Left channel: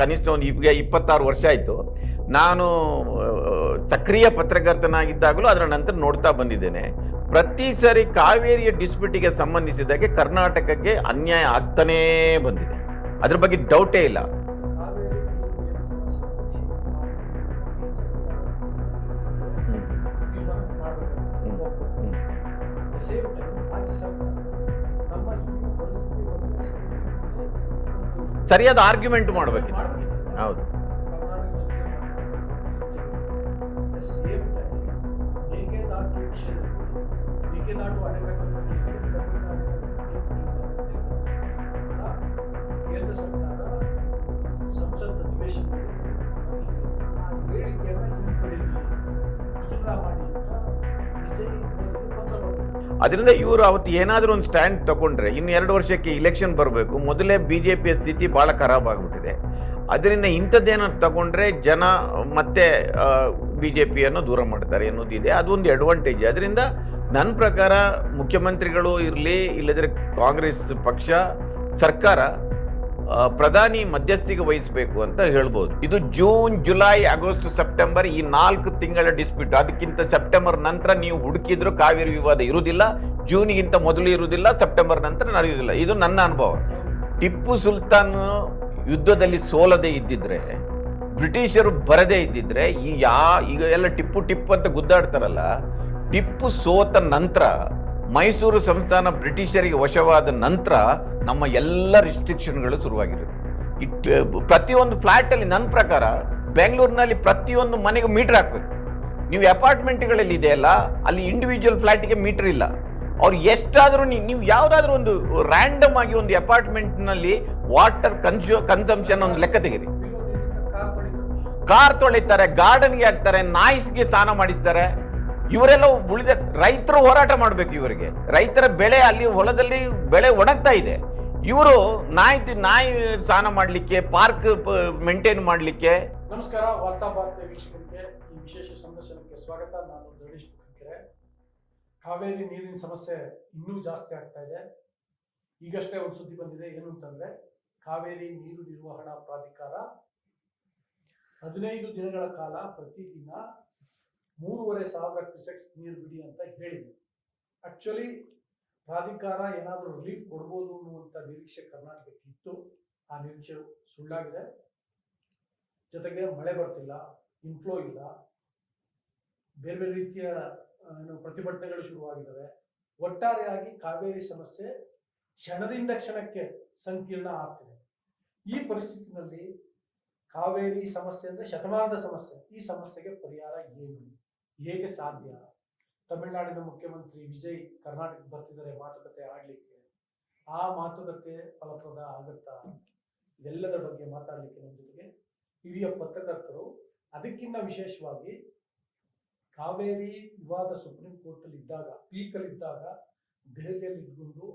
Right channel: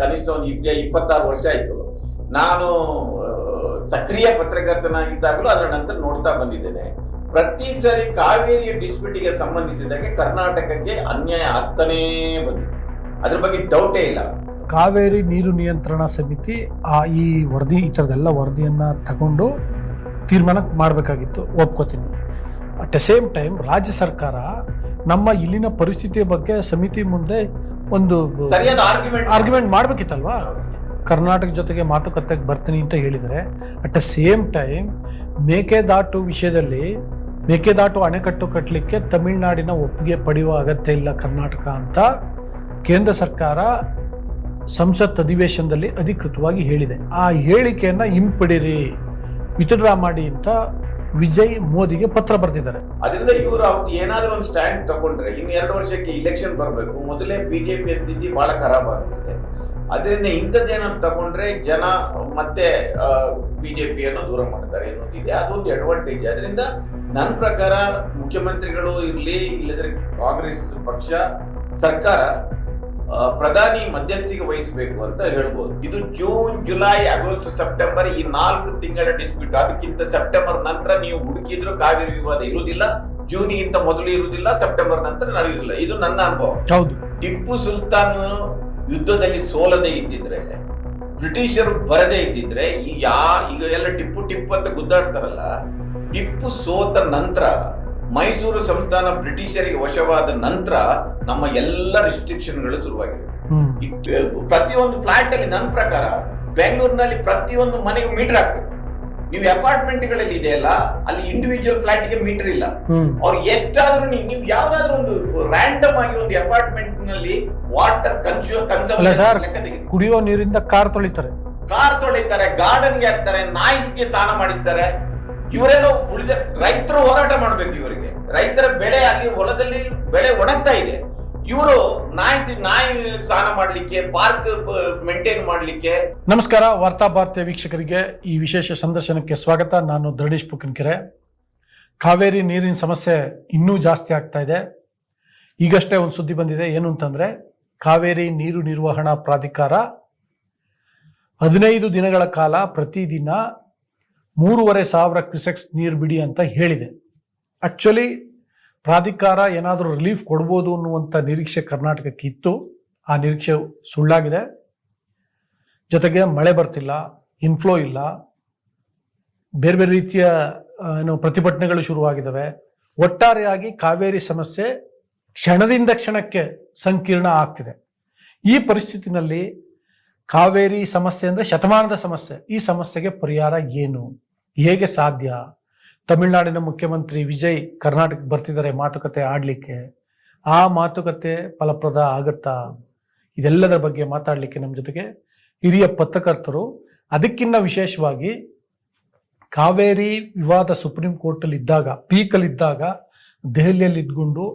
ಕನಿಷ್ಠ ಒಂದು ಈಗ 26 ವರ್ಷ ಆಯ್ತು. ನಾನು ಸಕ್ರಿಯ ಪತ್ರಕರ್ತನಾಗಿದ್ದಾಗಲೂ ಅದರ ನಂತರ ನೋಡ್ತಾ ಬಂದಿದ್ದೇನೆ. ಪ್ರತಿ ಸರಿ ಕಾವೇರಿಯ ಡಿಸ್ಪ್ಯೂಟಿಗೆ ಸಂಬಂಧಿಸಿದಾಗೆ ಕರ್ನಾಟಕಕ್ಕೆ ಅನ್ಯಾಯ ಆಗ್ತಾನೇ ಬಂದಿದೆ. ಅದ್ರ ಬಗ್ಗೆ ಡೌಟೇ ಇಲ್ಲ. ಕಾವೇರಿ ನೀರು ನಿಯಂತ್ರಣ ಸಮಿತಿ ಈ ವರದಿ, ಈ ಥರದೆಲ್ಲ ವರದಿಯನ್ನ ತಗೊಂಡು ತೀರ್ಮಾನ ಮಾಡಬೇಕಾಗಿತ್ತು, ಒಪ್ಕೋತೀನಿ. ಅಟ್ ದ ಸೇಮ್ ಟೈಮ್ ರಾಜ್ಯ ಸರ್ಕಾರ ನಮ್ಮ ಇಲ್ಲಿನ ಪರಿಸ್ಥಿತಿಯ ಬಗ್ಗೆ ಸಮಿತಿ ಮುಂದೆ ಒಂದು ಸರಿಯಾದ ಆರ್ಗ್ಯುಮೆಂಟ್ ಮಾಡ್ಬೇಕಿತ್ತಲ್ವಾ. ಕರ್ನಾಟಕ ಜೊತೆಗೆ ಮಾತುಕತೆಗೆ ಬರ್ತೀನಿ ಅಂತ ಹೇಳಿದರೆ, at the same time Mekedatu ವಿಷಯದಲ್ಲಿ ಮೇಕೆದಾಟು ಅಣೆಕಟ್ಟು ಕಟ್ಟಲಿಕ್ಕೆ ತಮಿಳುನಾಡಿನ ಒಪ್ಪಿಗೆ ಪಡೆಯುವ ಅಗತ್ಯ ಇಲ್ಲ ಕರ್ನಾಟಕ ಅಂತ ಕೇಂದ್ರ ಸರ್ಕಾರ ಸಂಸತ್ ಅಧಿವೇಶನದಲ್ಲಿ ಅಧಿಕೃತವಾಗಿ ಹೇಳಿದೆ. ಆ ಹೇಳಿಕೆಯನ್ನ ಹಿಂಪಡಿರಿ, ವಿತ್ಡ್ರಾ ಮಾಡಿ ಅಂತ ವಿಜಯ್ ಮೋದಿಗೆ ಪತ್ರ ಬರೆದಿದ್ದಾರೆ. ಅದರಿಂದ ಇವರು ಅವತ್ತು ಏನಾದ್ರೂ ಒಂದು ಸ್ಟ್ಯಾಂಡ್ ತಗೊಂಡ್ರೆ ಇನ್ನು 2 ವರ್ಷಕ್ಕೆ ಇಲೆಕ್ಷನ್ ಬರಬೇಕು. ಮೊದಲೇ ಬಿಜೆಪಿಯ ಸ್ಥಿತಿ ಬಹಳ ಖರಾಬ್ ಆಗ್ಬಿಟ್ಟಿದೆ. ಅದರಿಂದ ಇಂಥದ್ದೇನೋ ತಗೊಂಡ್ರೆ ಜನ ಮತ್ತೆ ಬಿಜೆಪಿಯನ್ನು ದೂರ ಮಾಡ್ತಾರೆ ಅನ್ನೋದಿದೆ. ಅದೊಂದು ಅಡ್ವಾಂಟೇಜ್. ಅದರಿಂದ ನನ್ನ ಪ್ರಕಾರ ಮುಖ್ಯಮಂತ್ರಿಗಳು ಇರಲಿ, ಇಲ್ಲದ್ರೆ ಕಾಂಗ್ರೆಸ್ ಪಕ್ಷ ಸರ್ಕಾರ ಪ್ರಧಾನಿ ಮಧ್ಯಸ್ಥಿಕೆ ವಹಿಸಬೇಕು ಅಂತ ಹೇಳ್ಬೋದು. ಇದು ಜೂನ್, ಜುಲೈ, ಆಗಸ್ಟ್, ಸೆಪ್ಟೆಂಬರ್ ಈ 4 ತಿಂಗಳ ಡಿಸ್ಪ್ಯೂಟ್. ಅದಕ್ಕಿಂತ ಸೆಪ್ಟೆಂಬರ್ ನಂತರ ನೀವು ಹುಡುಕಿದ್ರು ಕಾವೇರಿ ವಿವಾದ ಇರುವುದಿಲ್ಲ. ಜೂನ್ಗಿಂತ ಮೊದಲು ಇರುವುದಿಲ್ಲ, ಸೆಪ್ಟೆಂಬರ್ ನಂತರ ನಡೆಯುವುದಿಲ್ಲ. ಇದು ನನ್ನ ಅನುಭವ. ಹೌದು. ಟಿಪ್ಪು ಸುಲ್ತಾನ್ ಯುದ್ಧದಲ್ಲಿ ಸೋಲದೆ ಇದ್ದಿದ್ರೆ, ಬ್ರಿಟಿಷರು ಬರದೇ ಇದ್ದಿದ್ರೆ, ಈಗ ಎಲ್ಲ ಟಿಪ್ಪು ಅಂತ ಗುದ್ದಾಡ್ತಾರಲ್ಲ, ಟಿಪ್ಪು ಸೋತ ನಂತರ ಮೈಸೂರು ಸಂಸ್ಥಾನ ಬ್ರಿಟಿಷರಿಗೆ ವಶವಾದ ನಂತರ ನಮ್ಮ ಎಲ್ಲ ರಿಸ್ಟ್ರಿಕ್ಷನ್ಗಳು ಶುರುವಾಗಿವೆ. ಪ್ರತಿಯೊಂದು ಫ್ಲಾಟ್ ಅಲ್ಲಿ ನನ್ನ ಪ್ರಕಾರ ಬೆಂಗಳೂರಿನಲ್ಲಿ ಪ್ರತಿಯೊಂದು ಮನೆಗೆ ಮೀಟರ್ ಹಾಕ್ಬೇಕು. ನೀವು ಅಪಾರ್ಟ್ಮೆಂಟ್ಗಳಲ್ಲಿ ಇದೆಯಲ್ಲ, ಅಲ್ಲಿ ಇಂಡಿವಿಜುವಲ್ ಫ್ಲಾಟ್ಗೆ ಮೀಟರ್ ಇಲ್ಲ. ಅವ್ರು ಎಷ್ಟಾದ್ರೂ ನೀವು ಯಾವ್ದಾದ್ರು ಒಂದು ರ್ಯಾಂಡಮ್ ಆಗಿ ಒಂದು ಅಪಾರ್ಟ್ಮೆಂಟ್ ನಲ್ಲಿ ವಾಟರ್ ಕನ್ಸಂಪ್ಷನ್ ಲೆಕ್ಕ ತೆಗೆದು, ಕುಡಿಯೋ ನೀರಿಂದ ಕಾರ್ ತೊಳಿತಾರೆ, ಗಾರ್ಡನ್ಗೆ ಹಾಕ್ತಾರೆ, ನಾಯಿಸ್ಗೆ ಸ್ನಾನ ಮಾಡಿಸ್ತಾರೆ. ಇವರೆಲ್ಲ ಉಳಿದ ರೈತರು ಹೋರಾಟ ಮಾಡ್ಬೇಕು. ಇವರಿಗೆ ರೈತರ ಬೆಳೆ ಅಲ್ಲಿ ಹೊಲದಲ್ಲಿ ಬೆಳೆ ಒಣಗ್ತಾ ಇದೆ. ಇವರು ನಾಯಿ ಸ್ನಾನ ಮಾಡ್ಲಿಕ್ಕೆ, ಪಾರ್ಕ್ ಮೇಂಟೈನ್ ಮಾಡ್ಲಿಕ್ಕೆ. ನಮಸ್ಕಾರ, ವಾರ್ತಾ ಭಾರತೀಯ ವೀಕ್ಷಕರಿಗೆ ಈ ವಿಶೇಷ ಸಂದರ್ಶನಕ್ಕೆ ಸ್ವಾಗತ. ನಾನು ಧರಣೀಶ್ ಪುಕ್ಕನಕೆರೆ. ಕಾವೇರಿ ನೀರಿನ ಸಮಸ್ಯೆ ಇನ್ನೂ ಜಾಸ್ತಿ ಆಗ್ತಾ ಇದೆ. ಈಗಷ್ಟೇ ಒಂದು ಸುದ್ದಿ ಬಂದಿದೆ. ಏನು ಅಂತಂದ್ರೆ, ಕಾವೇರಿ ನೀರು ನಿರ್ವಹಣಾ ಪ್ರಾಧಿಕಾರ 15 ದಿನಗಳ ಕಾಲ ಪ್ರತಿದಿನ 3,500 ಕ್ಯೂಸೆಕ್ಸ್ ನೀರು ಬಿಡಿ ಅಂತ ಹೇಳಿದೆ. ಆಕ್ಚುಲಿ ಪ್ರಾಧಿಕಾರ ಏನಾದರೂ ರಿಲೀಫ್ ಕೊಡ್ಬೋದು ಅನ್ನುವಂಥ ನಿರೀಕ್ಷೆ ಕರ್ನಾಟಕಕ್ಕೆ ಇತ್ತು. ಆ ನಿರೀಕ್ಷೆ ಸುಳ್ಳಾಗಿದೆ. ಜೊತೆಗೆ ಮಳೆ ಬರ್ತಿಲ್ಲ, ಇನ್ಫ್ಲೋ ಇಲ್ಲ, ಬೇರೆ ಬೇರೆ ರೀತಿಯ ಪ್ರತಿಭಟನೆಗಳು ಶುರುವಾಗಿದ್ದಾವೆ. ಒಟ್ಟಾರೆಯಾಗಿ ಕಾವೇರಿ ಸಮಸ್ಯೆ ಕ್ಷಣದಿಂದ ಕ್ಷಣಕ್ಕೆ ಸಂಕೀರ್ಣ ಆಗ್ತಿದೆ. ಈ ಪರಿಸ್ಥಿತಿನಲ್ಲಿ ಕಾವೇರಿ ಸಮಸ್ಯೆ ಅಂದರೆ ಶತಮಾನದ ಸಮಸ್ಯೆ. ಈ ಸಮಸ್ಯೆಗೆ ಪರಿಹಾರ ಏನು, ಹೇಗೆ ಸಾಧ್ಯ? ತಮಿಳುನಾಡಿನ ಮುಖ್ಯಮಂತ್ರಿ ವಿಜಯ್ ಕರ್ನಾಟಕಕ್ಕೆ ಬರ್ತಿದ್ದಾರೆ ಮಾತುಕತೆ ಆಡಲಿಕ್ಕೆ. ಆ ಮಾತುಕತೆ ಫಲಪ್ರದ ಆಗುತ್ತಾ? ಇದೆಲ್ಲದರ ಬಗ್ಗೆ ಮಾತಾಡಲಿಕ್ಕೆ ನಮ್ಮ ಜೊತೆಗೆ ಹಿರಿಯ ಪತ್ರಕರ್ತರು, ಅದಕ್ಕಿಂತ ವಿಶೇಷವಾಗಿ ಕಾವೇರಿ ವಿವಾದ ಸುಪ್ರೀಂ ಕೋರ್ಟಲ್ಲಿ ಇದ್ದಾಗ, ಪೀಕಲ್ಲಿದ್ದಾಗ ದೆಹಲಿಯಲ್ಲಿ ಇದ್ಕೊಂಡು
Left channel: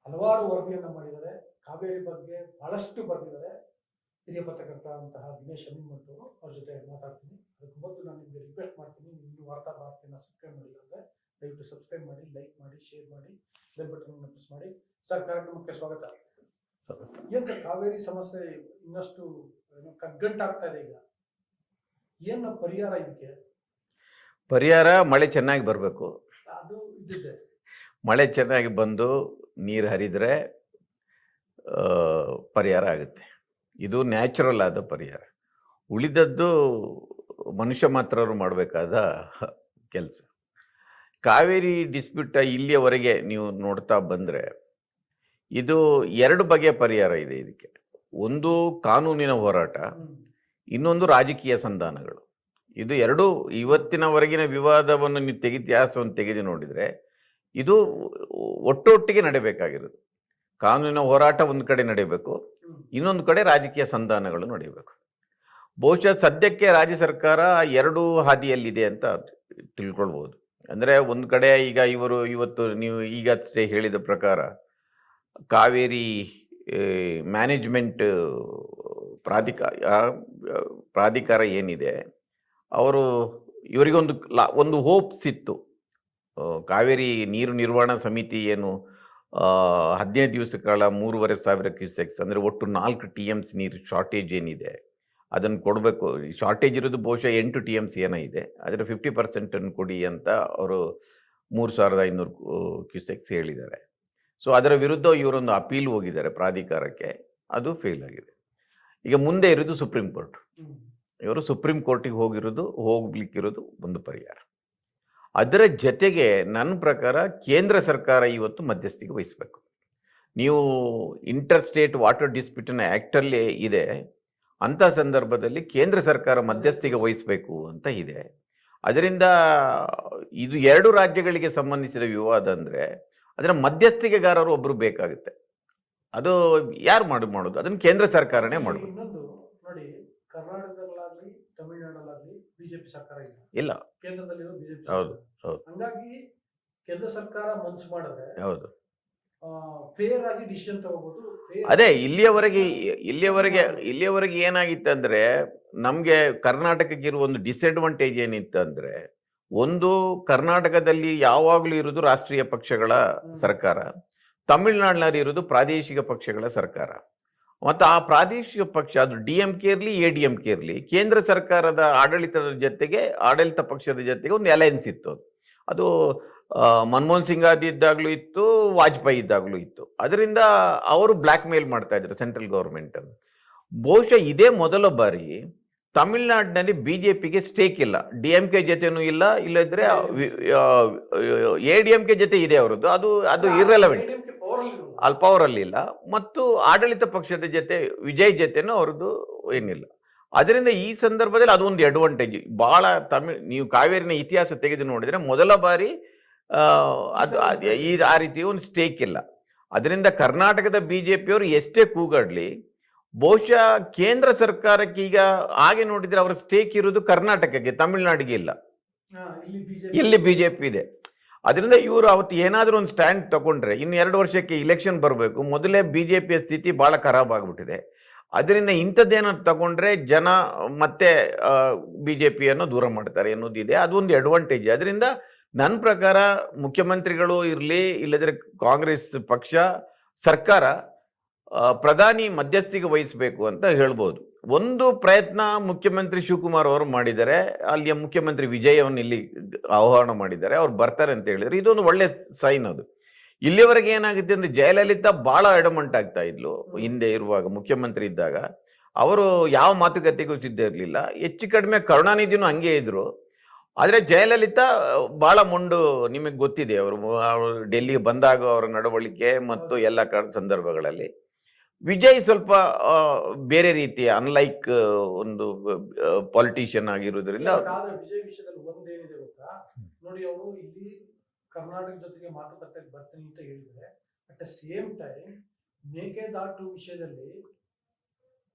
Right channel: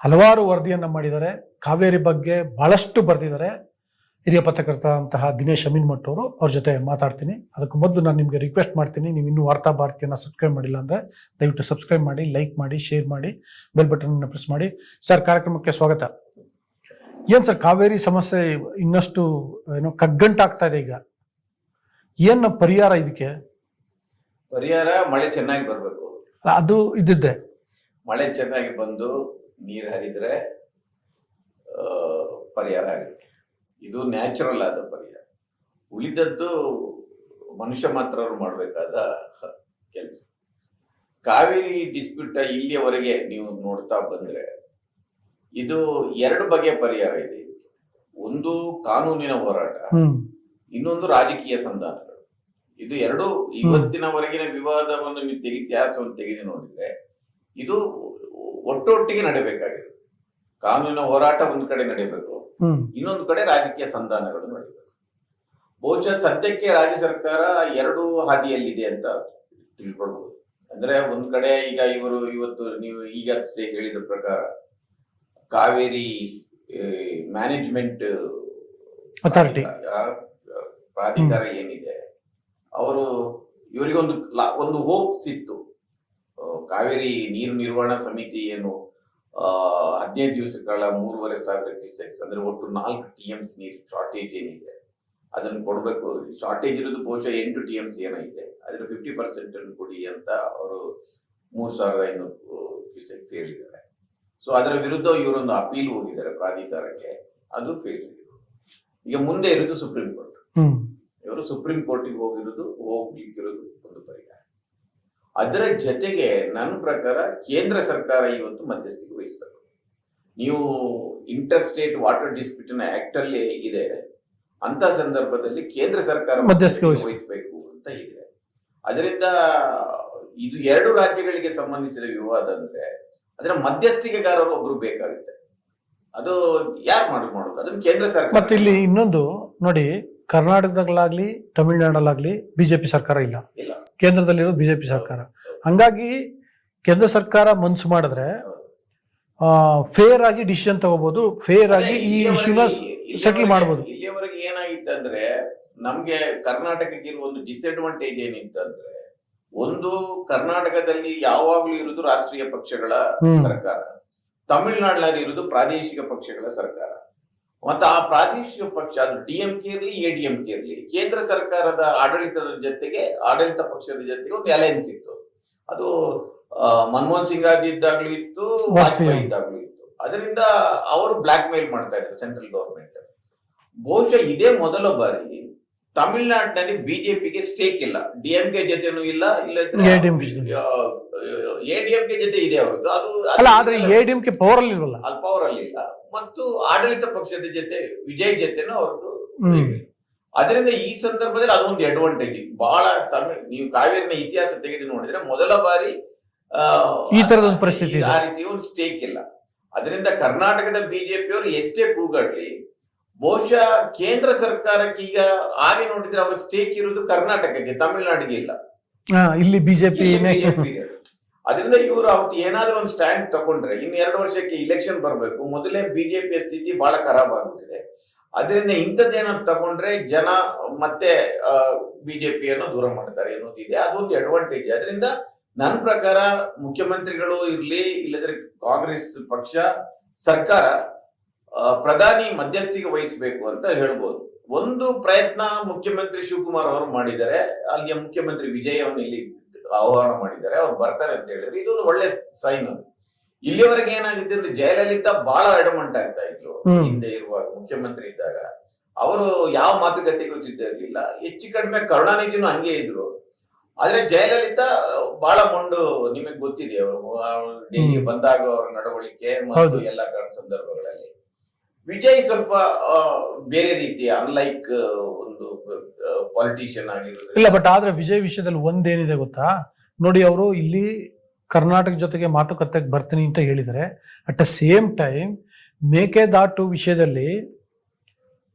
ಹಲವಾರು ವರದಿಯನ್ನು ಮಾಡಿದ್ದಾರೆ. ಕಾವೇರಿ ಬಗ್ಗೆ ಬಹಳಷ್ಟು ಬರೆದಿದ್ದಾರೆ. ಹಿರಿಯ ಪತ್ರಕರ್ತರಂತಹ ದಿನೇಶ್ ಅಮೀನ್ಮಠ್ ಅವರು, ಅವ್ರ ಜೊತೆ ಮಾತಾಡ್ತೀನಿ. ಅದಕ್ಕೆ ಮೊದಲು ನಾನು ನಿಮಗೆ ರಿಕ್ವೆಸ್ಟ್ ಮಾಡ್ತೀನಿ, ನೀವು ಇನ್ನೂ ವಾರ್ತಾ ಭಾರತಿಯನ್ನು ಸಬ್ಸ್ಕ್ರೈಬ್ ಮಾಡಿಲ್ಲ ಅಂದರೆ ದಯವಿಟ್ಟು ಸಬ್ಸ್ಕ್ರೈಬ್ ಮಾಡಿ, ಲೈಕ್ ಮಾಡಿ, ಶೇರ್ ಮಾಡಿ, ಬೆಲ್ ಬಟನ್ ಪ್ರೆಸ್ ಮಾಡಿ. ಸರ್, ಕಾರ್ಯಕ್ರಮಕ್ಕೆ ಸ್ವಾಗತ. ಏನು ಸರ್, ಕಾವೇರಿ ಸಮಸ್ಯೆ ಇನ್ನಷ್ಟು ಕಗ್ಗಂಟಾಗ್ತಾ ಇದೆ. ಈಗ ಏನು ಪರಿಹಾರ ಇದಕ್ಕೆ? ಪರಿಹಾರ ಮಳೆ ಚೆನ್ನಾಗಿ ಬರಬೇಕು. ಅದು ಇದ್ದಿದ್ದೆ. ಮಳೆ ಚೆನ್ನಾಗಿ ಬಂದು ನೀರು ಹರಿದ್ರೆ ಪರಿಹಾರ ಆಗುತ್ತೆ. ಇದು ನ್ಯಾಚುರಲ್ ಆದ ಪರಿಹಾರ. ಉಳಿದದ್ದು ಮನುಷ್ಯ ಮಾತ್ರ ಮಾಡಬೇಕಾದ ಕೆಲಸ. ಕಾವೇರಿ ಡಿಸ್ಪ್ಯೂಟ್ ಇಲ್ಲಿಯವರೆಗೆ ನೀವು ನೋಡ್ತಾ ಬಂದರೆ ಇದು 2 ಬಗೆಯ ಪರಿಹಾರ ಇದೆ ಇದಕ್ಕೆ. ಒಂದು ಕಾನೂನಿನ ಹೋರಾಟ, ಇನ್ನೊಂದು ರಾಜಕೀಯ ಸಂಧಾನಗಳು. ಇದು 2 ಇವತ್ತಿನವರೆಗಿನ ವಿವಾದವನ್ನು ನೀವು ಇತಿಹಾಸವನ್ನು ತೆಗೆದು ನೋಡಿದರೆ ಇದು ಒಟ್ಟೊಟ್ಟಿಗೆ ನಡೀಬೇಕಾಗಿರೋದು. ಕಾನೂನಿನ ಹೋರಾಟ ಒಂದು ಕಡೆ ನಡೀಬೇಕು, ಇನ್ನೊಂದು ಕಡೆ ರಾಜಕೀಯ ಸಂಧಾನಗಳು ನಡೀಬೇಕು. ಬಹುಶಃ ಸದ್ಯಕ್ಕೆ ರಾಜ್ಯ ಸರ್ಕಾರ 2 ಹಾದಿಯಲ್ಲಿದೆ ಅಂತ ತಿಳ್ಕೊಳ್ಬಹುದು. ಅಂದ್ರೆ ಒಂದು ಕಡೆ ಈಗ ಇವತ್ತು ನೀವು ಈಗಷ್ಟೇ ಹೇಳಿದ ಪ್ರಕಾರ ಕಾವೇರಿ ಮ್ಯಾನೇಜ್ಮೆಂಟ್ ಪ್ರಾಧಿಕಾರ ಏನಿದೆ, ಅವರು ಇವರಿಗೊಂದು ಹೋಪ್ಸ್ ಇತ್ತು. ಕಾವೇರಿ ನೀರು ನಿರ್ವಹಣಾ ಸಮಿತಿ ಏನು 15 ದಿವಸಗಳ 3,500 ಕ್ಯೂಸೆಕ್ಸ್ ಅಂದರೆ ಒಟ್ಟು 4 TMC ನೀರು ಶಾರ್ಟೇಜ್ ಏನಿದೆ ಅದನ್ನು ಕೊಡಬೇಕು. ಶಾರ್ಟೇಜ್ ಇರೋದು ಬಹುಶಃ 8 TMC ಏನೋ ಇದೆ, ಅದರ 50% ಕೊಡಿ ಅಂತ ಅವರು 3,500 ಕ್ಯೂಸೆಕ್ಸ್ ಹೇಳಿದ್ದಾರೆ. ಸೊ ಅದರ ವಿರುದ್ಧ ಇವರೊಂದು ಅಪೀಲ್ ಹೋಗಿದ್ದಾರೆ ಪ್ರಾಧಿಕಾರಕ್ಕೆ, ಅದು ಫೇಲ್ ಆಗಿದೆ. ಈಗ ಮುಂದೆ ಇರೋದು ಸುಪ್ರೀಂ ಕೋರ್ಟ್. ಇವರು ಸುಪ್ರೀಂ ಕೋರ್ಟಿಗೆ ಹೋಗ್ಲಿಕ್ಕಿರೋದು ಒಂದು ಪರಿಹಾರ. ಅದರ ಜೊತೆಗೆ ನನ್ನ ಪ್ರಕಾರ ಕೇಂದ್ರ ಸರ್ಕಾರ ಇವತ್ತು ಮಧ್ಯಸ್ಥಿಕೆ ವಹಿಸಬೇಕು. ನೀವು ಇಂಟರ್ ಸ್ಟೇಟ್ ವಾಟರ್ ಡಿಸ್ಪ್ಯೂಟ್ ಆ್ಯಕ್ಟಲ್ಲಿ ಇದೆ, ಅಂಥ ಸಂದರ್ಭದಲ್ಲಿ ಕೇಂದ್ರ ಸರ್ಕಾರ ಮಧ್ಯಸ್ಥಿಕೆ ವಹಿಸಬೇಕು ಅಂತ ಇದೆ. ಅದರಿಂದ ಇದು 2 ರಾಜ್ಯಗಳಿಗೆ ಸಂಬಂಧಿಸಿದ ವಿವಾದ ಅಂದರೆ ಅದರ ಮಧ್ಯಸ್ಥಿಕೆಗಾರರು ಒಬ್ಬರು ಬೇಕಾಗುತ್ತೆ. ಅದು ಯಾರು ಮಾಡೋದು? ಅದನ್ನು ಕೇಂದ್ರ ಸರ್ಕಾರ. ಇಲ್ಲಿ ಇನ್ನೊಂದು ನೋಡಿ, ಕರ್ನಾಟಕದಲ್ಲಾಗ್ಲಿ ತಮಿಳುನಾಡಲ್ಲಾಗ್ಲಿ ಬಿಜೆಪಿ ಸರ್ಕಾರ ಇಲ್ಲ, ಕೇಂದ್ರದಲ್ಲಿರೋದು ಬಿಜೆಪಿ ಸರ್ಕಾರ. ಹಂಗಾಗಿ ಕೇಂದ್ರ ಸರ್ಕಾರ ಮನ್ಸು ಮಾಡಿದ್ರೆ ಫೇರ್ ಆಗಿ ಡಿಸಿಷನ್ ತಗೋಬಹುದು, ಫೇರ್ ಆಗಿ ಇಲ್ಲಿಯವರೆಗೆ ಏನಾಗಿತ್ತು ಅಂದ್ರೆ, ನಮ್ಗೆ ಕರ್ನಾಟಕಕ್ಕೆ ಇರುವ ಒಂದು ಡಿಸ್ಅಡ್ವಾಂಟೇಜ್ ಏನಿತ್ತು ಅಂದ್ರೆ, ಒಂದು ಕರ್ನಾಟಕದಲ್ಲಿ ಯಾವಾಗ್ಲೂ ಇರುವುದು ರಾಷ್ಟ್ರೀಯ ಪಕ್ಷಗಳ ಸರ್ಕಾರ, ತಮಿಳುನಾಡಿನಲ್ಲಿ ಇರುವುದು ಪ್ರಾದೇಶಿಕ ಪಕ್ಷಗಳ ಸರ್ಕಾರ. ಮತ್ತು ಆ ಪ್ರಾದೇಶಿಕ ಪಕ್ಷ ಅದು DMK ಇರಲಿ ADMK ಇರಲಿ, ಕೇಂದ್ರ ಸರ್ಕಾರದ ಆಡಳಿತ ಪಕ್ಷದ ಜೊತೆಗೆ ಒಂದು ಅಲಯನ್ಸ್ ಇತ್ತು. ಅದು ಮನಮೋಹನ್ ಸಿಂಗ್ ಇದ್ದಾಗ್ಲೂ ಇತ್ತು, ವಾಜಪೇಯಿ ಇದ್ದಾಗ್ಲೂ ಇತ್ತು. ಅದರಿಂದ ಅವರು ಬ್ಲಾಕ್ ಮೇಲ್ ಮಾಡ್ತಾ ಇದ್ರು ಸೆಂಟ್ರಲ್ ಗವರ್ಮೆಂಟ್. ಬಹುಶಃ ಇದೇ ಮೊದಲ ಬಾರಿ ತಮಿಳುನಾಡಿನಲ್ಲಿ ಬಿಜೆಪಿಗೆ ಸ್ಟೇಕ್ ಇಲ್ಲ, DMK ಜೊತೆನೂ ಇಲ್ಲದ್ರೆ ADMK ಜೊತೆ ಇದೆ ಅವರದ್ದು. ಅದು ಪವರ್ ಅಲ್ಲಿ ಇಲ್ಲ. ಮತ್ತು ಆಡಳಿತ ಪಕ್ಷದ ಜೊತೆ ವಿಜಯ್ ಜೊತೆನೂ ಅವ್ರದ್ದು ಇಲ್ಲ. ಅದರಿಂದ ಈ ಸಂದರ್ಭದಲ್ಲಿ ಅದೊಂದು ಅಡ್ವಾಂಟೇಜ್ ಬಹಳ. ನೀವು ಕಾವೇರಿನ ಇತಿಹಾಸ ತೆಗೆದು ನೋಡಿದ್ರೆ ಮೊದಲ ಬಾರಿ ಆ ರೀತಿ ಒಂದು ಸ್ಟೇಕ್ ಇಲ್ಲ. ಅದರಿಂದ ಕರ್ನಾಟಕದ ಬಿಜೆಪಿಯವರು ಎಷ್ಟೇ ಕೂಗಾಡ್ಲಿ, ಬಹುಶಃ ಕೇಂದ್ರ ಸರ್ಕಾರಕ್ಕೆ ಈಗ ಹಾಗೆ ನೋಡಿದ್ರೆ ಅವರ ಸ್ಟೇಕ್ ಇರುವುದು ಕರ್ನಾಟಕಕ್ಕೆ, ತಮಿಳುನಾಡಿಗೆ ಇಲ್ಲ. ಇಲ್ಲಿ ಬಿಜೆಪಿ ಇದೆ. ಅದರಿಂದ ಇವರು ಅವತ್ತು ಏನಾದ್ರೂ ಒಂದು ಸ್ಟ್ಯಾಂಡ್ ತಗೊಂಡ್ರೆ, ಇನ್ನು 2 ವರ್ಷಕ್ಕೆ ಇಲೆಕ್ಷನ್ ಬರಬೇಕು, ಮೊದಲೇ ಬಿಜೆಪಿಯ ಸ್ಥಿತಿ ಬಹಳ ಖರಾಬ್ ಆಗ್ಬಿಟ್ಟಿದೆ. ಅದರಿಂದ ಇಂಥದ್ದೇನಾದ್ರು ತಗೊಂಡ್ರೆ ಜನ ಮತ್ತೆ ಬಿಜೆಪಿಯನ್ನು ದೂರ ಮಾಡ್ತಾರೆ ಅನ್ನೋದಿದೆ. ಅದೊಂದು ಅಡ್ವಾಂಟೇಜ್. ಅದರಿಂದ ನನ್ನ ಪ್ರಕಾರ ಮುಖ್ಯಮಂತ್ರಿಗಳು ಇರಲಿ, ಇಲ್ಲದ್ರೆ ಕಾಂಗ್ರೆಸ್ ಪಕ್ಷ ಸರ್ಕಾರ ಪ್ರಧಾನಿ ಮಧ್ಯಸ್ಥಿಕೆ ವಹಿಸಬೇಕು ಅಂತ ಹೇಳ್ಬೋದು. ಒಂದು ಪ್ರಯತ್ನ ಮುಖ್ಯಮಂತ್ರಿ ಶಿವಕುಮಾರ್ ಅವರು ಮಾಡಿದ್ದಾರೆ. ಅಲ್ಲಿಯ ಮುಖ್ಯಮಂತ್ರಿ ವಿಜಯ್ ಅವನ್ನ ಇಲ್ಲಿ ಆಹ್ವಾನ ಮಾಡಿದ್ದಾರೆ, ಅವ್ರು ಬರ್ತಾರೆ ಅಂತ ಹೇಳಿದ್ರು. ಇದೊಂದು ಒಳ್ಳೆ ಸೈನ್. ಅದು ಇಲ್ಲಿವರೆಗೆ ಏನಾಗಿದೆ ಅಂದ್ರೆ, ಜಯಲಲಿತಾ ಬಹಳ ಅಡಮಂಟ್ ಆಗ್ತಾ ಇದ್ಲು ಹಿಂದೆ ಇರುವಾಗ, ಮುಖ್ಯಮಂತ್ರಿ ಇದ್ದಾಗ. ಅವರು ಯಾವ ಮಾತುಕತೆಗೂ ಸಿದ್ಧ ಇರಲಿಲ್ಲ. ಹೆಚ್ಚು ಕಡಿಮೆ ಕರುಣಾನಿಧಿನೂ ಹಂಗೆ ಇದ್ರು. ಆದ್ರೆ ಜಯಲಲಿತಾ ಬಹಳ ಮೊಂಡು, ನಿಮಗೆ ಗೊತ್ತಿದೆ ಅವರು ಡೆಲ್ಲಿಗೆ ಬಂದಾಗ ಅವರ ನಡವಳಿಕೆ ಮತ್ತು ಎಲ್ಲ ಸಂದರ್ಭಗಳಲ್ಲಿ. ವಿಜಯ್ ಸ್ವಲ್ಪ ಬೇರೆ ರೀತಿಯ ಅನ್ಲೈಕ್ ಒಂದು ಪಾಲಿಟಿಷಿಯನ್ ಆಗಿರೋದ್ರಿಂದ. ಇಲ್ಲ, ಬಟ್ ಆದ್ರೆ ವಿಜಯ್ ವಿಷಯದಲ್ಲಿ ಒಂದೇನಿದೆ ಗೊತ್ತಾ ನೋಡಿ, ಅವರು ಇಲ್ಲಿ ಕರ್ನಾಟಕ ಜೊತೆಗೆ ಮಾತುಕತೆಗೆ ಬರ್ತೀನಿ ಅಂತ ಹೇಳಿದರೆ, at the same time Mekedatu ವಿಷಯದಲ್ಲಿ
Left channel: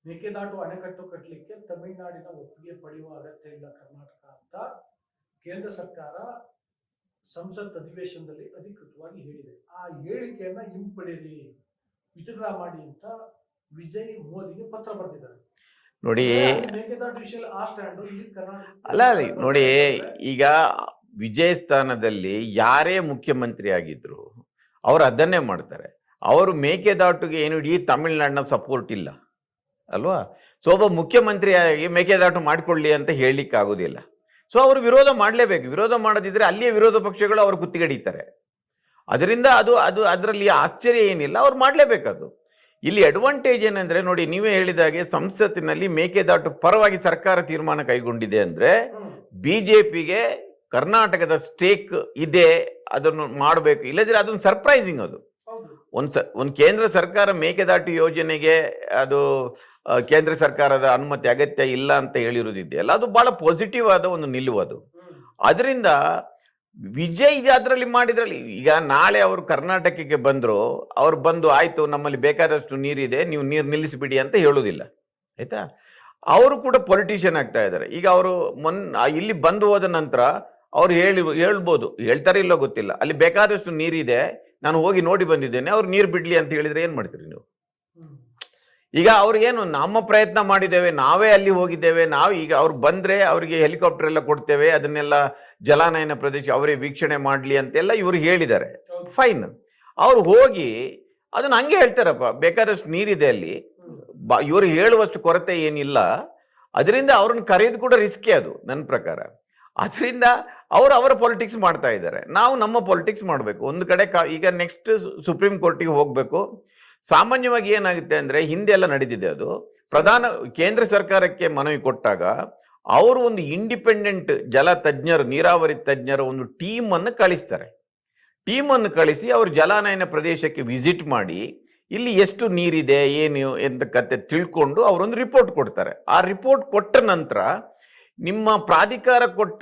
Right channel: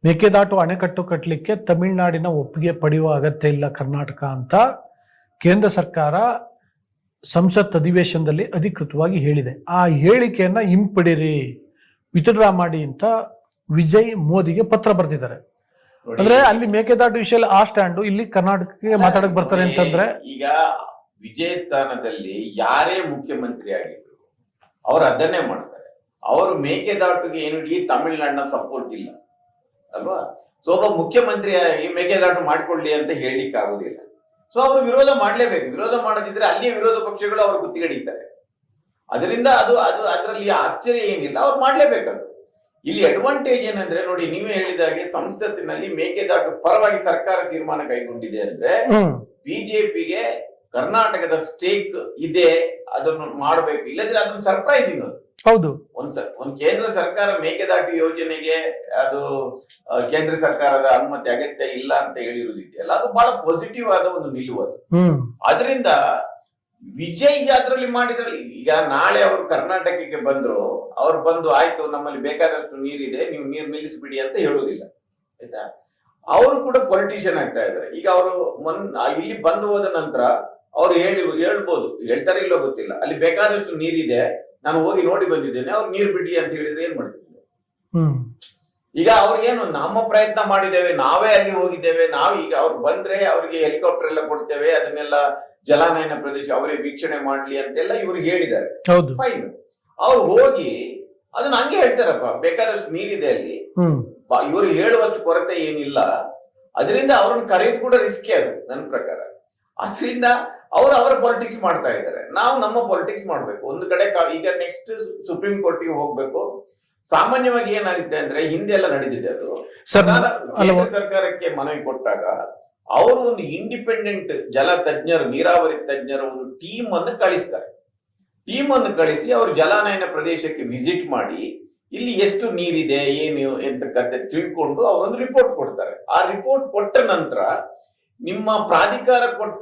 ಮೇಕೆದಾಟು ಅಣೆಕಟ್ಟು ಕಟ್ಟಲಿಕ್ಕೆ ತಮಿಳುನಾಡಿನ ಒಪ್ಪಿಗೆ ಪಡೆಯುವ ಅಗತ್ಯ ಇಲ್ಲ ಕರ್ನಾಟಕ ಅಂತ ಕೇಂದ್ರ ಸರ್ಕಾರ ಸಂಸತ್ ಅಧಿವೇಶನದಲ್ಲಿ ಅಧಿಕೃತವಾಗಿ ಹೇಳಿದೆ. ಆ ಹೇಳಿಕೆಯನ್ನ ಹಿಂಪಡಿರಿ, ವಿತ್ಡ್ರಾ ಮಾಡಿ ಅಂತ ವಿಜಯ್ ಮೋದಿಗೆ ಪತ್ರ ಬರೆದಿದ್ದಾರೆ. ನೋಡಿ, ಅಲ್ಲಿ ಮೇಕೆದಾಟು ವಿಷಯ ಆ ಸ್ಟ್ಯಾಂಡು, ಇಲ್ಲಿ ಕರ್ನಾಟಕಕ್ಕೆ ಮಾತಾಡಕ್ ಬರ್ತಾರೆ ಅಂತಂದ್ರೆ, ಈಗ ವಿಜಯ್ ಸ್ಥಾನದಲ್ಲಿ ಯಾರೇ ಮುಖ್ಯಮಂತ್ರಿ ಆಗಿದ್ರು ಅವರು ಅದನ್ನೇ ಮಾಡ್ತಾರೆ. ಅವರು ಮೇಕೆದಾಟುಗೆ ಏನು ಇಡೀ ತಮಿಳುನಾಡಿನ ಸಪೋರ್ಟ್ ಇಲ್ಲ ಅಲ್ವಾ. ಸೊ ಒಬ್ಬ ಮುಖ್ಯಮಂತ್ರಿಯಾಗಿ ಮೇಕೆದಾಟು ಮಾಡ್ಕೊಳ್ಳಿ ಅಂತ ಹೇಳಲಿಕ್ಕೆ ಆಗೋದಿಲ್ಲ. ಸೊ ಅವರು ವಿರೋಧ ಮಾಡಲೇಬೇಕು. ವಿರೋಧ ಮಾಡದಿದ್ರೆ ಅಲ್ಲಿಯ ವಿರೋಧ ಪಕ್ಷಗಳು ಅವರು ಗುತ್ತಿಗಡಿತಾರೆ. ಅದರಿಂದ ಅದರಲ್ಲಿ ಆಶ್ಚರ್ಯ ಏನಿಲ್ಲ, ಅವ್ರು ಮಾಡಲೇಬೇಕದು. ಇಲ್ಲಿ ಅಡ್ವಾಂಟೇಜ್ ಏನಂದ್ರೆ, ನೋಡಿ ನೀವೇ ಹೇಳಿದಾಗೆ ಸಂಸತ್ತಿನಲ್ಲಿ ಮೇಕೆದಾಟು ಪರವಾಗಿ ಸರ್ಕಾರ ತೀರ್ಮಾನ ಕೈಗೊಂಡಿದೆ ಅಂದ್ರೆ ಬಿಜೆಪಿಗೆ ಕರ್ನಾಟಕದ ಸ್ಟೇಕ್ ಇದೆ, ಅದನ್ನು ಮಾಡಬೇಕು. ಇಲ್ಲದ್ರೆ ಅದೊಂದು ಸರ್ಪ್ರೈಸಿಂಗ್. ಅದು ಹೌದು. ಒಂದು ಕೇಂದ್ರ ಸರ್ಕಾರ ಮೇಕೆದಾಟು ಯೋಜನೆಗೆ ಅದು ಕೇಂದ್ರ ಸರ್ಕಾರದ ಅನುಮತಿ ಅಗತ್ಯ ಇಲ್ಲ ಅಂತ ಹೇಳಿರುವುದಿದೆಯಲ್ಲ, ಅದು ಬಹಳ ಪಾಸಿಟಿವ್ ಆದ ಒಂದು ನಿಲುವು ಅದು. ಅದರಿಂದ ವಿಜಯ್ ಅದರಲ್ಲಿ ಮಾಡಿದ್ರಲ್ಲಿ, ಈಗ ನಾಳೆ ಅವರು ಕರ್ನಾಟಕಕ್ಕೆ ಬಂದ್ರು, ಅವ್ರು ಬಂದು ಆಯ್ತು ನಮ್ಮಲ್ಲಿ ಬೇಕಾದಷ್ಟು ನೀರಿದೆ, ನೀವು ನೀರು ನಿಲ್ಲಿಸಿಬಿಡಿ ಅಂತ ಹೇಳುವುದಿಲ್ಲ, ಆಯ್ತಾ. ಅವರು ಕೂಡ ಪೊಲಿಟಿಷಿಯನ್ ಆಗ್ತಾ ಇದ್ದಾರೆ. ಈಗ ಅವರು ಇಲ್ಲಿ ಬಂದು ಹೋದ ನಂತರ ಅವ್ರು ಹೇಳ್ಬೋದು, ಹೇಳ್ತಾರೆ ಇಲ್ಲೋ ಗೊತ್ತಿಲ್ಲ, ಅಲ್ಲಿ ಬೇಕಾದಷ್ಟು ನೀರಿದೆ, ನಾನು ಹೋಗಿ ನೋಡಿ ಬಂದಿದ್ದೇನೆ, ಅವ್ರು ನೀರು ಬಿಡ್ಲಿ ಅಂತ ಹೇಳಿದ್ರೆ ಏನ್ ಮಾಡ್ತೀರಿ ನೀವು? ಈಗ ಅವ್ರಿಗೇನು, ನಮ್ಮ ಪ್ರಯತ್ನ ಮಾಡಿದ್ದೇವೆ, ನಾವೇ ಅಲ್ಲಿ ಹೋಗಿದ್ದೇವೆ, ನಾವು ಈಗ ಅವ್ರು ಬಂದ್ರೆ ಅವ್ರಿಗೆ ಹೆಲಿಕಾಪ್ಟರ್ ಎಲ್ಲ ಕೊಡ್ತೇವೆ, ಅದನ್ನೆಲ್ಲ ಜಲಾನಯನ ಪ್ರದೇಶ ಅವರೇ ವೀಕ್ಷಣೆ ಮಾಡ್ಲಿ ಅಂತೆಲ್ಲ ಇವ್ರಿಗೆ ಹೇಳಿದ್ದಾರೆ. ಫೈನ್. ಅವ್ರು ಹೋಗಿ ಅದನ್ನ ಹಂಗೆ ಹೇಳ್ತಾರಪ್ಪ, ಬೇಕಾದಷ್ಟು ನೀರಿದೆ ಅಲ್ಲಿ, ಇವರು ಹೇಳುವಷ್ಟು ಕೊರತೆ ಏನಿಲ್ಲ, ಅದರಿಂದ ಅವ್ರನ್ನ ಕರೆಯೋದು ಕೂಡ ರಿಸ್ಕೇ ಅದು ನನ್ನ ಪ್ರಕಾರ. ಅದರಿಂದ ಅವರು ಅವರ ಪಾಲಿಟಿಕ್ಸ್ ಮಾಡ್ತಾ ಇದ್ದಾರೆ, ನಾವು ನಮ್ಮ ಪಾಲಿಟಿಕ್ಸ್ ಮಾಡಬೇಕು. ಒಂದು ಕಡೆ ಈಗ ನೆಕ್ಸ್ಟ್ ಸುಪ್ರೀಂ ಕೋರ್ಟಿಗೆ ಹೋಗ್ಬೇಕು. ಸಾಮಾನ್ಯವಾಗಿ ಏನಾಗುತ್ತೆ ಅಂದ್ರೆ, ಹಿಂದೆ ಎಲ್ಲ ನಡೆದಿದೆ ಅದು. ಪ್ರಧಾನ ಕೇಂದ್ರ ಸರ್ಕಾರಕ್ಕೆ ಮನವಿ ಕೊಟ್ಟಾಗ ಅವರು ಒಂದು ಇಂಡಿಪೆಂಡೆಂಟ್ ಜಲ ತಜ್ಞರು, ನೀರಾವರಿ ತಜ್ಞರು ಒಂದು ಟೀಮ್ ಅನ್ನು ಕಳಿಸ್ತಾರೆ. ಟೀಮ್ ಅನ್ನು ಕಳಿಸಿ ಅವರು ಜಲಾನಯನ ಪ್ರದೇಶಕ್ಕೆ ವಿಸಿಟ್ ಮಾಡಿ ಇಲ್ಲಿ ಎಷ್ಟು ನೀರಿದೆ ಏನು ಎಂತ ಕತೆ ತಿಳ್ಕೊಂಡು ಅವರೊಂದು ರಿಪೋರ್ಟ್ ಕೊಡ್ತಾರೆ. ಆ ರಿಪೋರ್ಟ್ ಕೊಟ್ಟ ನಂತರ ನಿಮ್ಮ ಪ್ರಾಧಿಕಾರ ಕೊಟ್ಟ